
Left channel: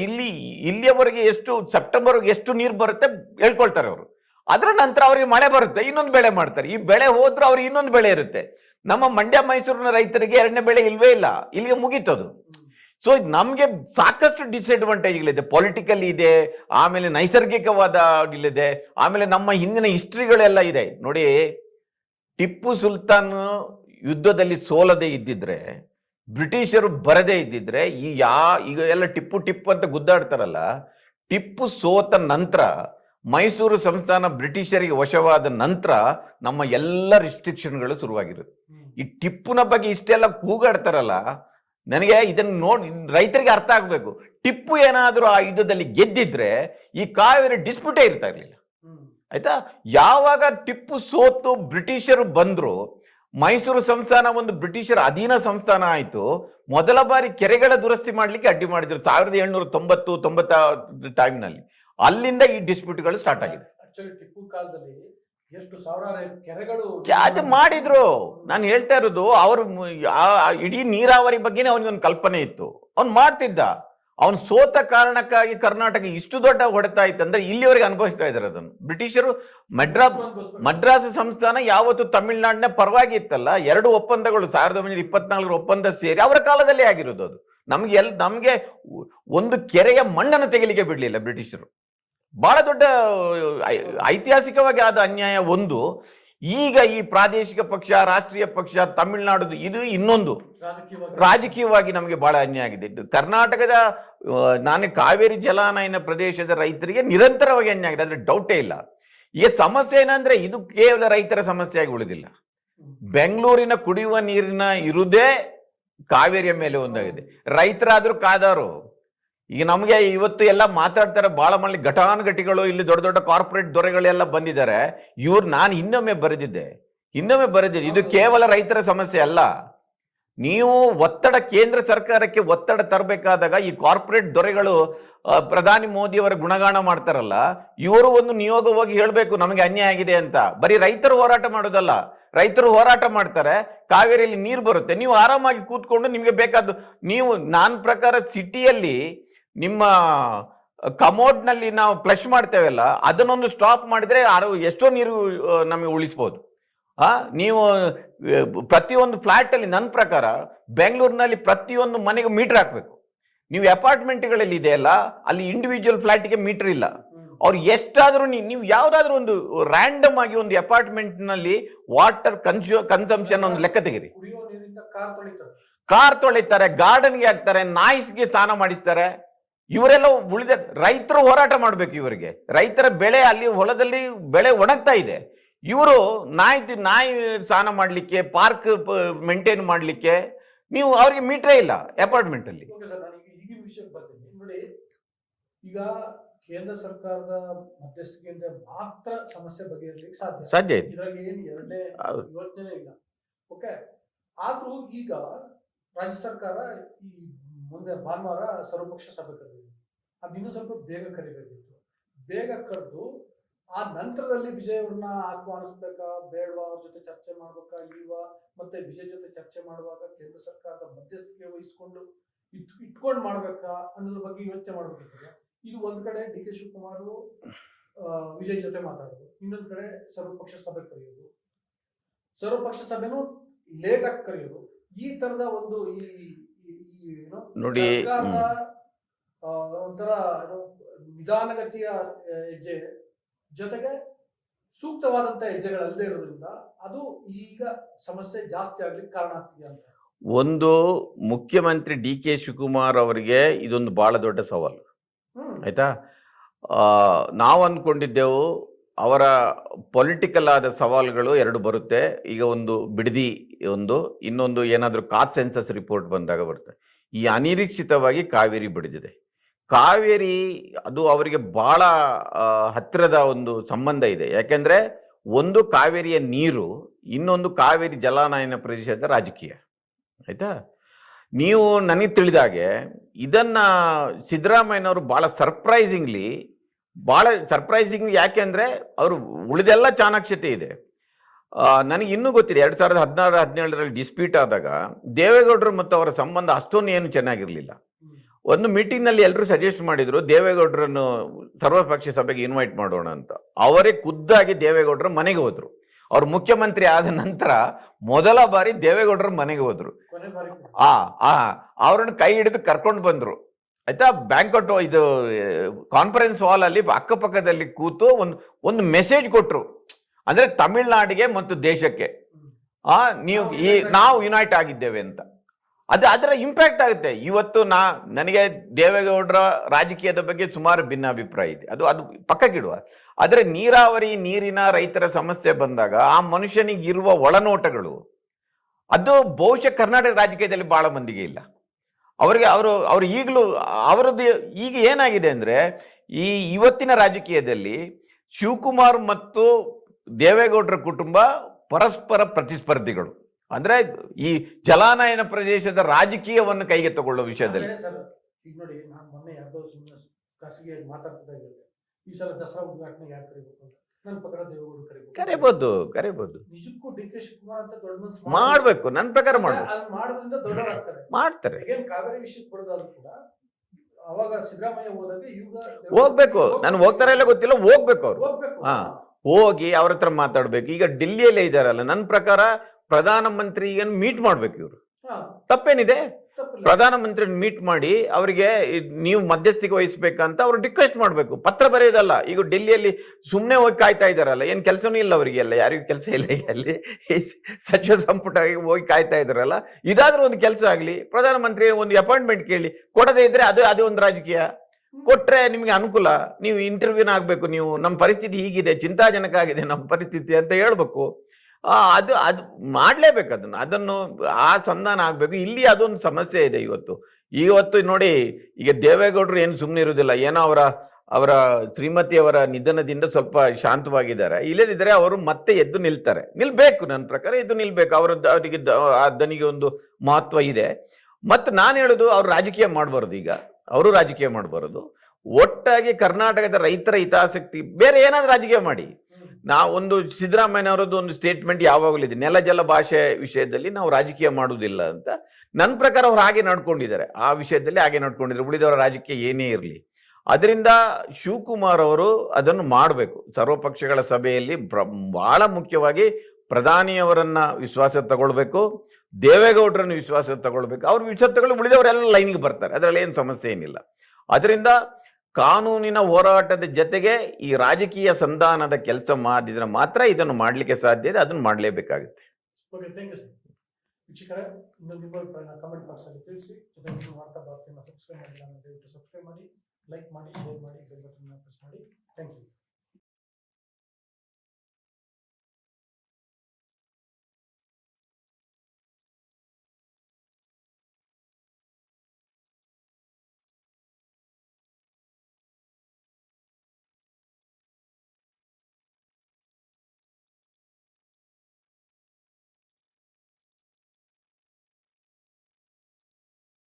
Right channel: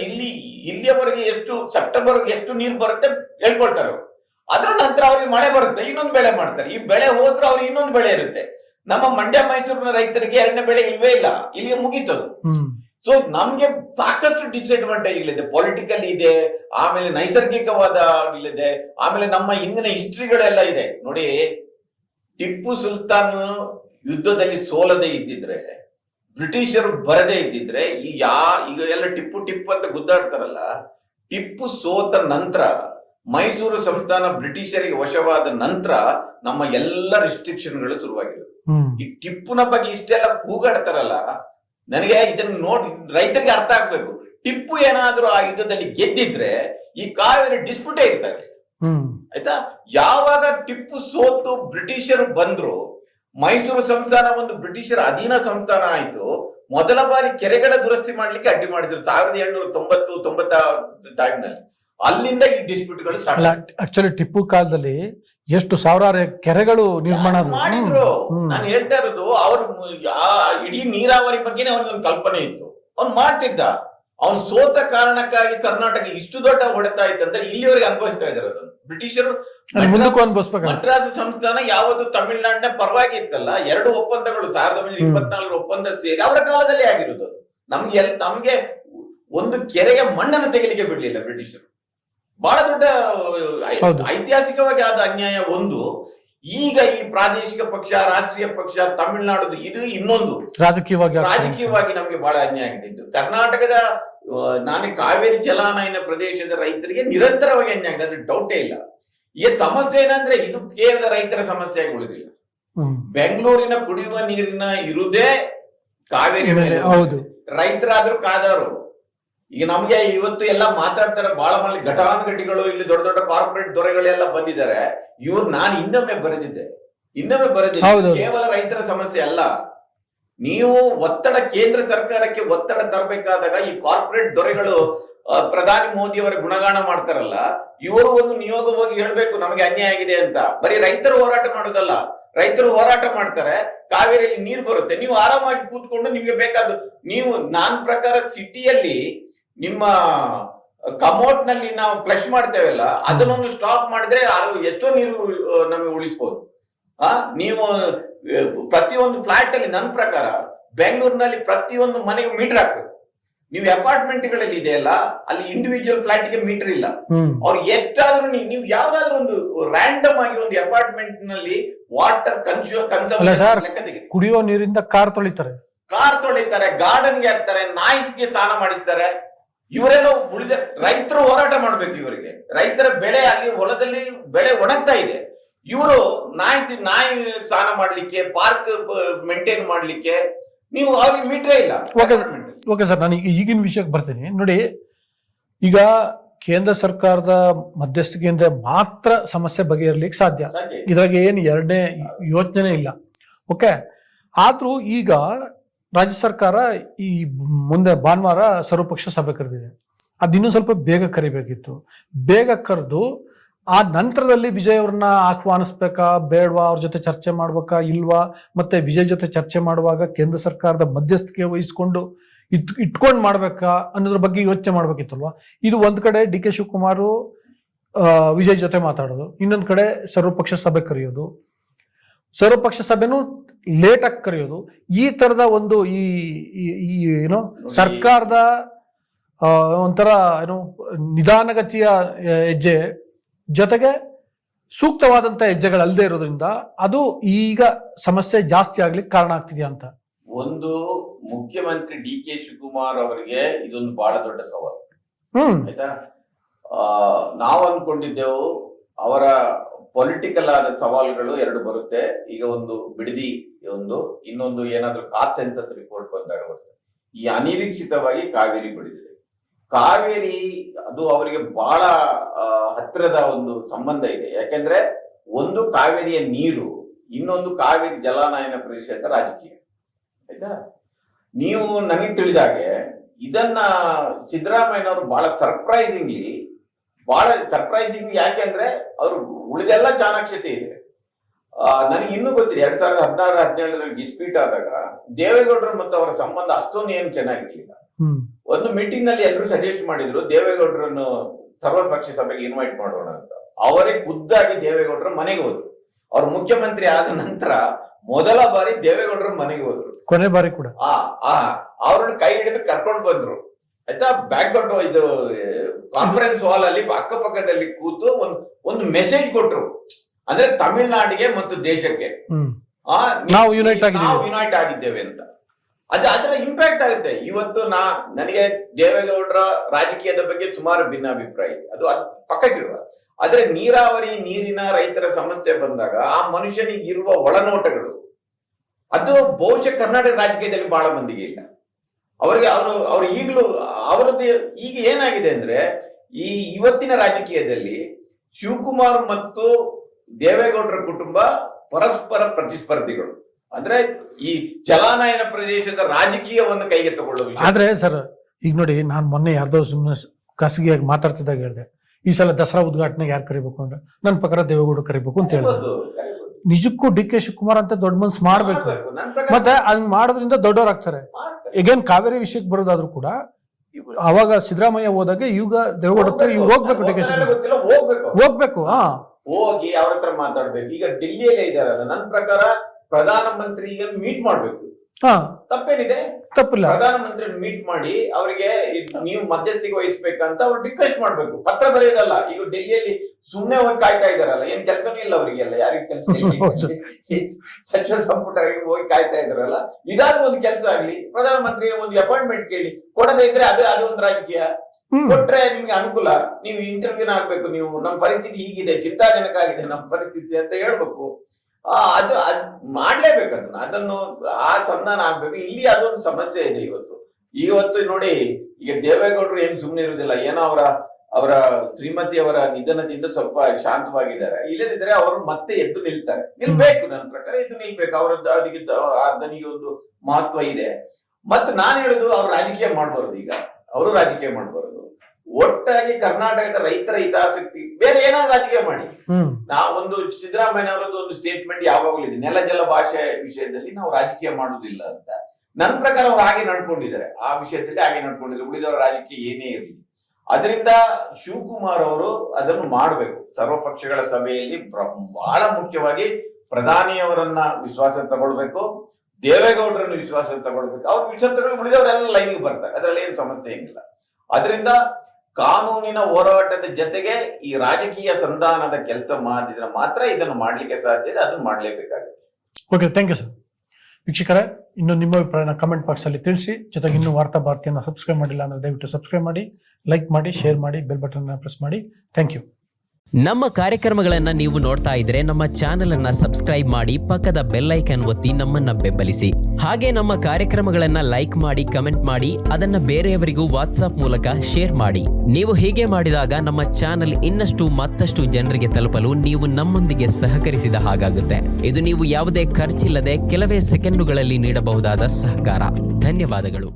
ಇಲ್ಲಿಯವರೆಗೆ ಎಷ್ಟು ಸೆಪ್ಟೆಂಬರ್ಗೆ ಎಷ್ಟು ನೀರು ಬರುತ್ತೆ ಹೇಳ್ಕೊಳ್ತಾರೆ ಅವರು. ಅದರ ನಂತರ ಅವ್ರಿಗೆ ಮಳೆ ಬರುತ್ತೆ, ಇನ್ನೊಂದು ಬೆಳೆ ಮಾಡ್ತಾರೆ. ಈ ಬೆಳೆ ಹೋದ್ರೆ ಅವ್ರಿಗೆ ಇನ್ನೊಂದು ಬೆಳೆ ಇರುತ್ತೆ. ನಮ್ಮ ಮಂಡ್ಯ ಮೈಸೂರಿನ ರೈತರಿಗೆ ಎರಡನೇ ಬೆಳೆ ಇಲ್ವೇ ಇಲ್ಲ, ಇಲ್ಲಿಗೆ ಮುಗೀತದು. ಸೊ ನಮ್ಗೆ ಸಾಕಷ್ಟು ಡಿಸ್ಅಡ್ವಾಂಟೇಜ್ಗಳಿದೆ, ಪೊಲಿಟಿಕಲ್ ಇದೆ, ಆಮೇಲೆ ನೈಸರ್ಗಿಕವಾದ ಇಲ್ಲಿದೆ, ಆಮೇಲೆ ನಮ್ಮ ಹಿಂದಿನ ಹಿಸ್ಟ್ರಿಗಳೆಲ್ಲ ಇದೆ ನೋಡಿ. ಟಿಪ್ಪು ಸುಲ್ತಾನ್ ಯುದ್ಧದಲ್ಲಿ ಸೋಲದೆ ಇದ್ದಿದ್ರೆ, ಬ್ರಿಟಿಷರು ಬರದೇ ಇದ್ದಿದ್ರೆ ಈಗ ಎಲ್ಲ ಟಿಪ್ಪು ಅಂತ ಗುದ್ದಾಡ್ತಾರಲ್ಲ, ಟಿಪ್ಪು ಸೋತ ನಂತರ ಮೈಸೂರು ಸಂಸ್ಥಾನ ಬ್ರಿಟಿಷರಿಗೆ ವಶವಾದ ನಂತರ ನಮ್ಮ ಎಲ್ಲ ರಿಸ್ಟ್ರಿಕ್ಷನ್ಗಳು ಶುರುವಾಗಿರುತ್ತೆ. ಈ ಟಿಪ್ಪುನ ಬಗ್ಗೆ ಇಷ್ಟೆಲ್ಲ ಕೂಗಾಡ್ತಾರಲ್ಲ, ನನಗೆ ಇದನ್ನು ನೋಡಿ ರೈತರಿಗೆ ಅರ್ಥ ಆಗ್ಬೇಕು. ಟಿಪ್ಪು ಏನಾದ್ರೂ ಆ ಯುದ್ಧದಲ್ಲಿ ಗೆದ್ದಿದ್ರೆ ಈ ಕಾವೇರಿ ಡಿಸ್ಪ್ಯೂಟೇ ಇರ್ತಾ ಇರ್ಲಿಲ್ಲ, ಆಯ್ತಾ. ಯಾವಾಗ ಟಿಪ್ಪು ಸೋತು ಬ್ರಿಟಿಷರು ಬಂದ್ರು, ಮೈಸೂರು ಸಂಸ್ಥಾನ ಒಂದು ಬ್ರಿಟಿಷರ ಅಧೀನ ಸಂಸ್ಥಾನ ಆಯ್ತು. ಮೊದಲ ಬಾರಿ ಕೆರೆಗಳ ದುರಸ್ತಿ ಮಾಡ್ಲಿಕ್ಕೆ ಅಡ್ಡಿ ಮಾಡಿದ್ರು 1890 ಟೈಮ್ನಲ್ಲಿ. ಅಲ್ಲಿಂದ ಈ ಡಿಸ್ಪ್ಯೂಟ್ಗಳು ಸ್ಟಾರ್ಟ್. ಆಕ್ಚುಲಿ ಟಿಪ್ಪು ಕಾಲದಲ್ಲಿ ಎಷ್ಟು ಸಾವಿರಾರು ಕೆರೆಗಳು ಮಾಡಿದ್ರು. ನಾನು ಹೇಳ್ತಾ ಇರೋದು ಅವರು ಇಡೀ ನೀರಾವರಿ ಬಗ್ಗೆನೇ ಅವನಿಗೊಂದು ಕಲ್ಪನೆ ಇತ್ತು, ಅವ್ನು ಮಾಡ್ತಿದ್ದ. ಅವ್ನು ಸೋತ ಕಾರಣಕ್ಕಾಗಿ ಕರ್ನಾಟಕ ಇಷ್ಟು ದೊಡ್ಡ ಹೊಡೆತ ಇತ್ತಂದ್ರೆ ಇಲ್ಲಿವರೆಗೆ ಅನುಭವಿಸ್ತಾ ಇದ್ದಾರೆ ಅದನ್ನು ಬ್ರಿಟಿಷರು. ಮದ್ರಾಸ್ ಸಂಸ್ಥಾನ ಯಾವತ್ತು ತಮಿಳುನಾಡಿನ ಪರವಾಗಿ ಇತ್ತಲ್ಲ, 2 ಒಪ್ಪಂದಗಳು 1924 ಒಪ್ಪಂದ ಸೇರಿ ಅವರ ಕಾಲದಲ್ಲಿ ಆಗಿರೋದು ಅದು. ನಮ್ಗೆ ಒಂದು ಕೆರೆಯ ಮಣ್ಣನ್ನು ತೆಗಿಲಿಕ್ಕೆ ಬಿಡ್ಲಿಲ್ಲ ಬ್ರಿಟಿಷರು. ಬಹಳ ದೊಡ್ಡ ಐತಿಹಾಸಿಕವಾಗಿ ಆದ ಅನ್ಯಾಯ ಒಂದು. ಈಗ ಈ ಪ್ರಾದೇಶಿಕ ಪಕ್ಷ, ರಾಷ್ಟ್ರೀಯ ಪಕ್ಷ, ತಮಿಳುನಾಡು ಇದು ಇನ್ನೊಂದು ರಾಜಕೀಯವಾಗಿ ನಮಗೆ ಬಹಳ ಅನ್ಯಾಯ ಆಗಿದೆ. ಕರ್ನಾಟಕದ ಕಾವೇರಿ ಜಲಾನಯನ ಪ್ರದೇಶದ ರೈತರಿಗೆ ನಿರಂತರವಾಗಿ ಅನ್ಯಾಯ ಆಗಿದೆ, ಅದ್ರ ಡೌಟೇ ಇಲ್ಲ. ಈ ಸಮಸ್ಯೆ ಏನಂದ್ರೆ ಇದು ಕೇವಲ ರೈತರ ಸಮಸ್ಯೆ ಆಗಿ ಉಳಿದಿಲ್ಲ. ಬೆಂಗಳೂರಿನ ಕುಡಿಯುವ ನೀರಿನ ಇರುವುದೇ ಕಾವೇರಿ ಮೇಲೆ. ರೈತರಾದ್ರೂ ಕಾದಾರು. ಈಗ ನಮ್ಗೆ ಇವತ್ತು ಎಲ್ಲ ಮಾತಾಡ್ತಾರೆ, ಬಹಳ ಮಂದಿ ಘಟಾನುಘಟಿಗಳು, ಇಲ್ಲಿ ದೊಡ್ಡ ದೊಡ್ಡ ಕಾರ್ಪೊರೇಟ್ ದೊರೆಗಳೆಲ್ಲ ಬಂದಿದ್ದಾರೆ. ನಾನು ಇನ್ನೊಮ್ಮೆ ಬರೆದಿದ್ದೆ, ಇದು ಕೇವಲ ರೈತರ ಸಮಸ್ಯೆ ಅಲ್ಲ. ನೀವು ಕೇಂದ್ರ ಸರ್ಕಾರಕ್ಕೆ ಒತ್ತಡ ತರಬೇಕಾದಾಗ ಈ ಕಾರ್ಪೊರೇಟ್ ದೊರೆಗಳು ಪ್ರಧಾನಿ ಮೋದಿ ಅವರ ಗುಣಗಾನ ಮಾಡ್ತಾರಲ್ಲ, ಇವರು ಒಂದು ನಿಯೋಗವಾಗಿ ಹೇಳ್ಬೇಕು ನಮಗೆ ಅನ್ಯಾಯ ಆಗಿದೆ ಅಂತ. ಬರೀ ರೈತರು ಹೋರಾಟ ಮಾಡೋದಲ್ಲ, ರೈತರು ಹೋರಾಟ ಮಾಡ್ತಾರೆ, ಕಾವೇರಿಯಲ್ಲಿ ನೀರು ಬರುತ್ತೆ, ನೀವು ಆರಾಮಾಗಿ ಕೂತ್ಕೊಂಡು ನಿಮ್ಗೆ ಬೇಕಾದ್ದು ನೀವು. ನನ್ನ ಪ್ರಕಾರ ಸಿಟಿಯಲ್ಲಿ ನಿಮ್ಮ ಕಮೋಡ್ ನಲ್ಲಿ ನಾವು ಫ್ಲಶ್ ಮಾಡ್ತೇವಲ್ಲ, ಅದನ್ನೊಂದು ಸ್ಟಾಪ್ ಮಾಡಿದ್ರೆ ಎಷ್ಟೋ ನೀರು ನಮಗೆ ಉಳಿಸಬಹುದು. ನೀವು ಪ್ರತಿಯೊಂದು ಫ್ಲಾಟ್ ಅಲ್ಲಿ, ನನ್ನ ಪ್ರಕಾರ ಬೆಂಗಳೂರಿನಲ್ಲಿ ಪ್ರತಿಯೊಂದು ಮನೆಗೆ ಮೀಟರ್ ಹಾಕ್ಬೇಕು. ನೀವು ಅಪಾರ್ಟ್ಮೆಂಟ್ಗಳಲ್ಲಿ ಇದೆಯಲ್ಲ, ಅಲ್ಲಿ ಇಂಡಿವಿಜುವಲ್ ಫ್ಲಾಟ್ಗೆ ಮೀಟರ್ ಇಲ್ಲ. ಅವ್ರು ಎಷ್ಟಾದ್ರೂ ನೀವು ಯಾವ್ದಾದ್ರು ಒಂದು ರ್ಯಾಂಡಮ್ ಆಗಿ ಒಂದು ಅಪಾರ್ಟ್ಮೆಂಟ್ ನಲ್ಲಿ ವಾಟರ್ ಕನ್ಸಂಪ್ಷನ್ ಲೆಕ್ಕ ತೆಗೆದು, ಕುಡಿಯೋ ನೀರಿಂದ ಕಾರ್ ತೊಳಿತಾರೆ, ಗಾರ್ಡನ್ಗೆ ಹಾಕ್ತಾರೆ, ನಾಯಿಸ್ಗೆ ಸ್ನಾನ ಮಾಡಿಸ್ತಾರೆ. ಇವರೆಲ್ಲ ಉಳಿದ ರೈತರು ಹೋರಾಟ ಮಾಡ್ಬೇಕು. ಇವರಿಗೆ ರೈತರ ಬೆಳೆ ಅಲ್ಲಿ ಹೊಲದಲ್ಲಿ ಬೆಳೆ ಒಣಗ್ತಾ ಇದೆ. ಇವರು ನಾಯಿ ಸ್ನಾನ ಮಾಡ್ಲಿಕ್ಕೆ, ಪಾರ್ಕ್ ಮೇಂಟೈನ್ ಮಾಡ್ಲಿಕ್ಕೆ ನೀವು ಅವ್ರಿಗೆ ಮೀಟ್ರೇ ಇಲ್ಲ ಅಪಾರ್ಟ್ಮೆಂಟ್ ಅಲ್ಲಿ. ಓಕೆ ಸರ್, ನಾನು ಈಗಿನ ವಿಷಯಕ್ಕೆ ಬರ್ತೀನಿ ನೋಡಿ. ಈಗ ಕೇಂದ್ರ ಸರ್ಕಾರದ ಮಧ್ಯಸ್ಥಿಕೆಯಿಂದ ಮಾತ್ರ ಸಮಸ್ಯೆ ಬಗೆಹರ್ಲಿಕ್ಕೆ ಸಾಧ್ಯ. ಇದ್ರಾಗ ಏನು ಎರಡನೇ ಯೋಚನೆ ಇಲ್ಲ. ಓಕೆ, ಆದ್ರೂ ಈಗ ರಾಜ್ಯ ಸರ್ಕಾರ ಈ ಮುಂದೆ ಭಾನುವಾರ ಸರ್ವಪಕ್ಷ ಸಭೆ ಕರೆದಿದೆ. ಅದಿನ್ನೂ ಸ್ವಲ್ಪ ಬೇಗ ಕರಿಬೇಕಿತ್ತು. ಬೇಗ ಕರೆದು ಆ ನಂತರದಲ್ಲಿ ವಿಜಯ್ ಅವ್ರನ್ನ ಆಹ್ವಾನಿಸ್ಬೇಕಾ ಬೇಡವಾ, ಅವ್ರ ಜೊತೆ ಚರ್ಚೆ ಮಾಡ್ಬೇಕಾ ಇಲ್ವಾ, ಮತ್ತೆ ವಿಜಯ್ ಜೊತೆ ಚರ್ಚೆ ಮಾಡುವಾಗ ಕೇಂದ್ರ ಸರ್ಕಾರದ ಮಧ್ಯಸ್ಥಿಕೆ ವಹಿಸ್ಕೊಂಡು ಇಟ್ಕೊಂಡು ಮಾಡ್ಬೇಕಾ ಅನ್ನೋದ್ರ ಬಗ್ಗೆ ಯೋಚನೆ ಮಾಡ್ಬೇಕಿತ್ತಲ್ವಾ. ಇದು ಒಂದ್ ಕಡೆ ಡಿ ಕೆ ಶಿವಕುಮಾರ್ ವಿಜಯ್ ಜೊತೆ ಮಾತಾಡೋದು, ಇನ್ನೊಂದ್ ಕಡೆ ಸರ್ವಪಕ್ಷ ಸಭೆ ಕರೆಯೋದು, ಸರ್ವಪಕ್ಷ ಸಭೆನೂ ಲೇಟ್ ಆಗಿ ಕರೆಯೋದು. ಈ ತರದ ಒಂದು ಏನೋ ಸರ್ಕಾರದ ಒಂಥರ ಏನೋ ನಿಧಾನಗತಿಯ ಹೆಜ್ಜೆ ಜೊತೆಗೆ ಸೂಕ್ತವಾದಂತ ಹೆಜ್ಜೆಗಳಲ್ಲದೆ ಇರೋದ್ರಿಂದ ಅದು ಈಗ ಸಮಸ್ಯೆ ಜಾಸ್ತಿ ಆಗ್ಲಿಕ್ಕೆ ಕಾರಣ ಆಗ್ತಿದೆಯಾ ಅಂತ. ಒಂದು ಮುಖ್ಯಮಂತ್ರಿ ಡಿ ಕೆ ಶಿವಕುಮಾರ್ ಅವರಿಗೆ ಇದೊಂದು ಬಹಳ ದೊಡ್ಡ ಸವಾಲು. ಆಯ್ತಾ, ನಾವು ಅಂದ್ಕೊಂಡಿದ್ದೆವು ಅವರ ಪೊಲಿಟಿಕಲ್ ಆದ ಸವಾಲುಗಳು 2 ಬರುತ್ತೆ. ಈಗ ಒಂದು ಬಿಡದಿ, ಇನ್ನೊಂದು ಏನಾದ್ರೂ ಕಾಸ್ಟ್ ಸೆನ್ಸಸ್ ರಿಪೋರ್ಟ್ ಬಂದಾಗ ಬರುತ್ತೆ. ಈ ಅನಿರೀಕ್ಷಿತವಾಗಿ ಕಾವೇರಿ ಬಿಡಿದಿದೆ. ಕಾವೇರಿ ಅದು ಅವರಿಗೆ ಬಹಳ ಹತ್ತಿರದ ಒಂದು ಸಂಬಂಧ ಇದೆ. ಯಾಕೆಂದ್ರೆ ಒಂದು ಕಾವೇರಿಯ ನೀರು, ಇನ್ನೊಂದು ಕಾವೇರಿ ಜಲಾನಯನ ಪ್ರದೇಶದ ರಾಜಕೀಯ. ಆಯ್ತಾ, ನೀವು ನನಗೆ ತಿಳಿದಾಗೆ ಇದನ್ನ ಸಿದ್ದರಾಮಯ್ಯನವರು ಬಹಳ ಸರ್ಪ್ರೈಸಿಂಗ್ ಯಾಕೆಂದ್ರೆ ಅವರು ಉಳಿದೆಲ್ಲ ಚಾಣಾಕ್ಷತೆ ಇದೆ. ನನಗೆ ಇನ್ನೂ ಗೊತ್ತಿದೆ 2016-17 ಡಿಸ್ಪ್ಯೂಟ್ ಆದಾಗ ದೇವೇಗೌಡರು ಮತ್ತು ಅವರ ಸಂಬಂಧ ಅಷ್ಟೊಂದು ಏನು ಚೆನ್ನಾಗಿರ್ಲಿಲ್ಲ. ಒಂದು ಮೀಟಿಂಗ್ ನಲ್ಲಿ ಎಲ್ಲರೂ ಸಜೆಸ್ಟ್ ಮಾಡಿದ್ರು ದೇವೇಗೌಡರನ್ನು ಸರ್ವಪಕ್ಷ ಸಭೆಗೆ ಇನ್ವೈಟ್ ಮಾಡೋಣ ಅಂತ. ಅವರೇ ಖುದ್ದಾಗಿ ದೇವೇಗೌಡರ ಮನೆಗೆ ಹೋದ್ರು. ಅವ್ರು ಮುಖ್ಯಮಂತ್ರಿ ಆದ ನಂತರ ಮೊದಲ ಬಾರಿ ದೇವೇಗೌಡರ ಮನೆಗೆ ಹೋದ್ರು, ಕೊನೆ ಬಾರಿ ಕೂಡ. ಅವ್ರನ್ನ ಕೈ ಹಿಡಿದು ಕರ್ಕೊಂಡು ಬಂದ್ರು ಆಯ್ತಾ. ಬ್ಯಾಂಕ್ಔಟ್ ಇದು ಕಾನ್ಫರೆನ್ಸ್ ಹಾಲ್ ಅಲ್ಲಿ ಅಕ್ಕಪಕ್ಕದಲ್ಲಿ ಕೂತು ಒಂದು ಮೆಸೇಜ್ ಕೊಟ್ರು, ಅಂದ್ರೆ ತಮಿಳ್ನಾಡಿಗೆ ಮತ್ತು ದೇಶಕ್ಕೆ ನಾವು ಯುನೈಟ್ ಆಗಿದ್ದೇವೆ ಅಂತ. ಅದರ ಇಂಪ್ಯಾಕ್ಟ್ ಆಗುತ್ತೆ. ಇವತ್ತು ನನಗೆ ದೇವೇಗೌಡರ ರಾಜಕೀಯದ ಬಗ್ಗೆ ಸುಮಾರು ಭಿನ್ನಾಭಿಪ್ರಾಯ ಇದೆ, ಅದು ಪಕ್ಕಕ್ಕಿಡುವ. ಆದ್ರೆ ನೀರಿನ ರೈತರ ಸಮಸ್ಯೆ ಬಂದಾಗ ಆ ಮನುಷ್ಯನಿಗೆ ಇರುವ ಒಳನೋಟಗಳು ಅದು ಬಹುಶಃ ಕರ್ನಾಟಕ ರಾಜಕೀಯದಲ್ಲಿ ಬಹಳ ಮಂದಿಗೆ ಇಲ್ಲ. ಅವರು ಈಗಲೂ ಅವರದ್ದು ಈಗ ಏನಾಗಿದೆ ಅಂದ್ರೆ ಇವತ್ತಿನ ರಾಜಕೀಯದಲ್ಲಿ ಶಿವಕುಮಾರ್ ಮತ್ತು ದೇವೇಗೌಡರ ಕುಟುಂಬ ಪರಸ್ಪರ ಪ್ರತಿಸ್ಪರ್ಧಿಗಳು. ಅಂದ್ರೆ ಈ ಜಲಾನಯನ ಪ್ರದೇಶದ ರಾಜಕೀಯವನ್ನು ಕೈಗೆ ತಗೊಳ್ಳೋ ವಿಷಯ. ಆದ್ರೆ ಸರ್ ಈಗ ನೋಡಿ, ನಾನು ಮೊನ್ನೆ ಯಾರ್ದೋ ಸುಮ್ಮನೆ ಖಾಸಗಿಯಾಗಿ ಮಾತಾಡ್ತಿದ್ದಾಗ ಹೇಳಿದೆ, ಈ ಸಲ ದಸರಾ ಉದ್ಘಾಟನೆಗೆ ಯಾರು ಕರಿಬೇಕು ಅಂತ. ನನ್ನ ಪ್ರಕಾರ ದೇವೇಗೌಡ ಕರಿಬೇಕು ಅಂತ ಹೇಳ್ಬೋದು. ನಿಜಕ್ಕೂ ಡಿ.ಕೆ. ಶಿವಕುಮಾರ್ ಅಂತ ದೊಡ್ಡ ಮನ್ಸು ಮಾಡಬೇಕು. ಮತ್ತೆ ಅದ್ ಮಾಡೋದ್ರಿಂದ ದೊಡ್ಡವರಾಗ್ತಾರೆ. ಈಗೇನ್ ಕಾವೇರಿ ವಿಷಯಕ್ಕೆ ಬರೋದಾದ್ರು ಕೂಡ ಅವಾಗ ಸಿದ್ದರಾಮಯ್ಯ ಹೋದಾಗ ಈಗ ಹೋಗ್ಬೇಕು, ಹೋಗಿ ಅವ್ರ ಹತ್ರ ಮಾತಾಡ್ಬೇಕು. ಈಗ ಡಿಲ್ಲಿಯಲ್ಲೇ ಇದಾರಲ್ಲ, ನನ್ನ ಪ್ರಕಾರ ಪ್ರಧಾನಮಂತ್ರಿಯನ್ನು ಮೀಟ್ ಮಾಡ್ಬೇಕು ಇವರು. ತಪ್ಪೇನಿದೆ? ತಪ್ಪಿಲ್ಲ. ಪ್ರಧಾನಮಂತ್ರಿ ಮೀಟ್ ಮಾಡಿ ಅವರಿಗೆ ನೀವು ಮಧ್ಯಸ್ಥಿಕೆ ವಹಿಸ್ಬೇಕಂತ ಅವ್ರು ರಿಕ್ವೆಸ್ಟ್ ಮಾಡ್ಬೇಕು, ಪತ್ರ ಬರೆಯೋದಲ್ಲ. ಈಗ ಡೆಲ್ಲಿಯಲ್ಲಿ ಸುಮ್ನೆ ಹೋಗಿ ಕಾಯ್ತಾ ಇದಾರಲ್ಲ, ಏನ್ ಕೆಲಸನೂ ಇಲ್ಲ ಅವರಿಗೆಲ್ಲ, ಯಾರಿಗೂ ಕೆಲಸ ಇಲ್ಲ. ಸಚಿವ ಸಂಪುಟ ಹೋಗಿ ಕಾಯ್ತಾ ಇದಾರಲ್ಲ, ಇದಾದ್ರೂ ಒಂದು ಕೆಲಸ ಆಗ್ಲಿ. ಪ್ರಧಾನಮಂತ್ರಿ ಒಂದು ಅಪಾಯಿಂಟ್ಮೆಂಟ್ ಕೇಳಿ, ಕೊಡದೇ ಇದ್ರೆ ಅದು ಒಂದು ರಾಜಕೀಯ. ಕೊಟ್ರೆ ನಿಮ್ಗೆ ಅನುಕೂಲ. ನೀವು ಇಂಟರ್ವ್ಯೂನ ಆಗ್ಬೇಕು, ನೀವು ನಮ್ಮ ಪರಿಸ್ಥಿತಿ ಹೀಗಿದೆ, ಚಿಂತಾಜನಕ ಆಗಿದೆ ನಮ್ಮ ಪರಿಸ್ಥಿತಿ ಅಂತ ಹೇಳ್ಬೇಕು. ಅದು ಮಾಡ್ಲೇಬೇಕು. ಅದನ್ನು ಆ ಸಂಧಾನ ಆಗ್ಬೇಕು. ಇಲ್ಲಿ ಅದೊಂದು ಸಮಸ್ಯೆ ಇದೆ ಇವತ್ತು ನೋಡಿ. ಈಗ ದೇವೇಗೌಡರು ಏನು ಸುಮ್ಮನೆ ಇರುವುದಿಲ್ಲ. ಏನೋ ಅವರ ಶ್ರೀಮತಿಯವರ ನಿಧನದಿಂದ ಸ್ವಲ್ಪ ಶಾಂತವಾಗಿದ್ದಾರೆ. ಇಲ್ಲದಿದ್ರೆ ಅವರು ಮತ್ತೆ ಎದ್ದು ನಿಲ್ಬೇಕು. ನನ್ನ ಪ್ರಕಾರ ಎದ್ದು ನಿಲ್ಬೇಕು. ಅವರಿಗೆ ಆ ದನಿಗೆ ಒಂದು ಮಹತ್ವ ಇದೆ. ಮತ್ತು ನಾನು ಹೇಳುದು, ಅವ್ರು ರಾಜಕೀಯ ಮಾಡಬಾರದು. ಈಗ ಅವರು ರಾಜಕೀಯ ಮಾಡಬಾರದು. ಒಟ್ಟಾಗಿ ಕರ್ನಾಟಕದ ರೈತರ ಹಿತಾಸಕ್ತಿ, ಬೇರೆ ಏನಾದ್ರು ರಾಜಕೀಯ ಮಾಡಿ. ಒಂದು ಸಿದ್ದರಾಮಯ್ಯನವರದ್ದು ಒಂದು ಸ್ಟೇಟ್ಮೆಂಟ್ ಯಾವಾಗಲೂ ಇದೆ, ನೆಲ ಜಲ ಭಾಷೆ ವಿಷಯದಲ್ಲಿ ನಾವು ರಾಜಕೀಯ ಮಾಡುವುದಿಲ್ಲ ಅಂತ. ನನ್ನ ಪ್ರಕಾರ ಅವ್ರು ಹಾಗೆ ನಡ್ಕೊಂಡಿದ್ದಾರೆ, ಆ ವಿಷಯದಲ್ಲಿ ಹಾಗೆ ನಡ್ಕೊಂಡಿದ್ದಾರೆ. ಉಳಿದವರ ರಾಜಕೀಯ ಏನೇ ಇರಲಿ. ಅದರಿಂದ ಶಿವಕುಮಾರ್ ಅವರು ಅದನ್ನು ಮಾಡಬೇಕು. ಸರ್ವಪಕ್ಷಗಳ ಸಭೆಯಲ್ಲಿ ಬಹಳ ಮುಖ್ಯವಾಗಿ ಪ್ರಧಾನಿಯವರನ್ನ ವಿಶ್ವಾಸ ತಗೊಳ್ಬೇಕು, ದೇವೇಗೌಡರನ್ನು ವಿಶ್ವಾಸ ತಗೊಳ್ಬೇಕು. ಅವ್ರ ವಿಶ್ವಾಸ ತಗೊಳ್ಳಿ, ಉಳಿದವರೆಲ್ಲ ಲೈನ್ಗೆ ಬರ್ತಾರೆ, ಅದರಲ್ಲಿ ಏನು ಸಮಸ್ಯೆ ಏನಿಲ್ಲ. ಅದರಿಂದ ಕಾನೂನಿನ ಹೋರಾಟದ ಜೊತೆಗೆ ಈ ರಾಜಕೀಯ ಸಂಧಾನದ ಕೆಲಸ ಮಾಡಿದ್ರೆ ಮಾತ್ರ ಇದನ್ನು ಮಾಡ್ಲಿಕ್ಕೆ ಸಾಧ್ಯ ಇದೆ. ಅದನ್ನು ಮಾಡಲೇಬೇಕಾಗುತ್ತೆ. Okay, thank you sir. ವೀಕ್ಷಕರೇ, ಇನ್ನು ನಿಮ್ಮ ಅಭಿಪ್ರಾಯನ ಕಮೆಂಟ್ ಬಾಕ್ಸ್ ಅಲ್ಲಿ ತಿಳಿಸಿ. ಜೊತೆಗೆ ಇನ್ನೂ ವಾರ್ತಾ ಭಾರತಿಯನ್ನು ಸಬ್ಸ್ಕ್ರೈಬ್ ಮಾಡಿಲ್ಲ ಅಂದ್ರೆ ದಯವಿಟ್ಟು ಸಬ್ಸ್ಕ್ರೈಬ್ ಮಾಡಿ, ಲೈಕ್ ಮಾಡಿ, ಶೇರ್ ಮಾಡಿ, ಬೆಲ್ ಬಟನ್ ಪ್ರೆಸ್ ಮಾಡಿ. Thank you. ನಮ್ಮ ಕಾರ್ಯಕ್ರಮಗಳನ್ನು ನೀವು ನೋಡ್ತಾ ಇದ್ರೆ ನಮ್ಮ ಚಾನೆಲ್ ಅನ್ನ ಸಬ್ಸ್ಕ್ರೈಬ್ ಮಾಡಿ, ಪಕ್ಕದ ಬೆಲ್ ಐಕಾನ್ ಒತ್ತಿ ನಮ್ಮನ್ನ ಬೆಂಬಲಿಸಿ. ಹಾಗೆ ನಮ್ಮ ಕಾರ್ಯಕ್ರಮಗಳನ್ನ ಲೈಕ್ ಮಾಡಿ, ಕಮೆಂಟ್ ಮಾಡಿ, ಅದನ್ನ ಬೇರೆಯವರಿಗೂ ವಾಟ್ಸ್ಆಪ್ ಮೂಲಕ ಶೇರ್ ಮಾಡಿ. ನೀವು ಹೀಗೆ ಮಾಡಿದಾಗ ನಮ್ಮ ಚಾನೆಲ್ ಮತ್ತಷ್ಟು ಜನರಿಗೆ ತಲುಪಲು ನೀವು ನಮ್ಮೊಂದಿಗೆ ಸಹಕರಿಸಿದ ಹಾಗಾಗುತ್ತೆ. ಇದು ನೀವು ಯಾವುದೇ ಖರ್ಚಿಲ್ಲದೆ ಕೆಲವೇ ಸೆಕೆಂಡುಗಳಲ್ಲಿ ನೀಡಬಹುದಾದ ಸಹಕಾರ. ಧನ್ಯವಾದಗಳು.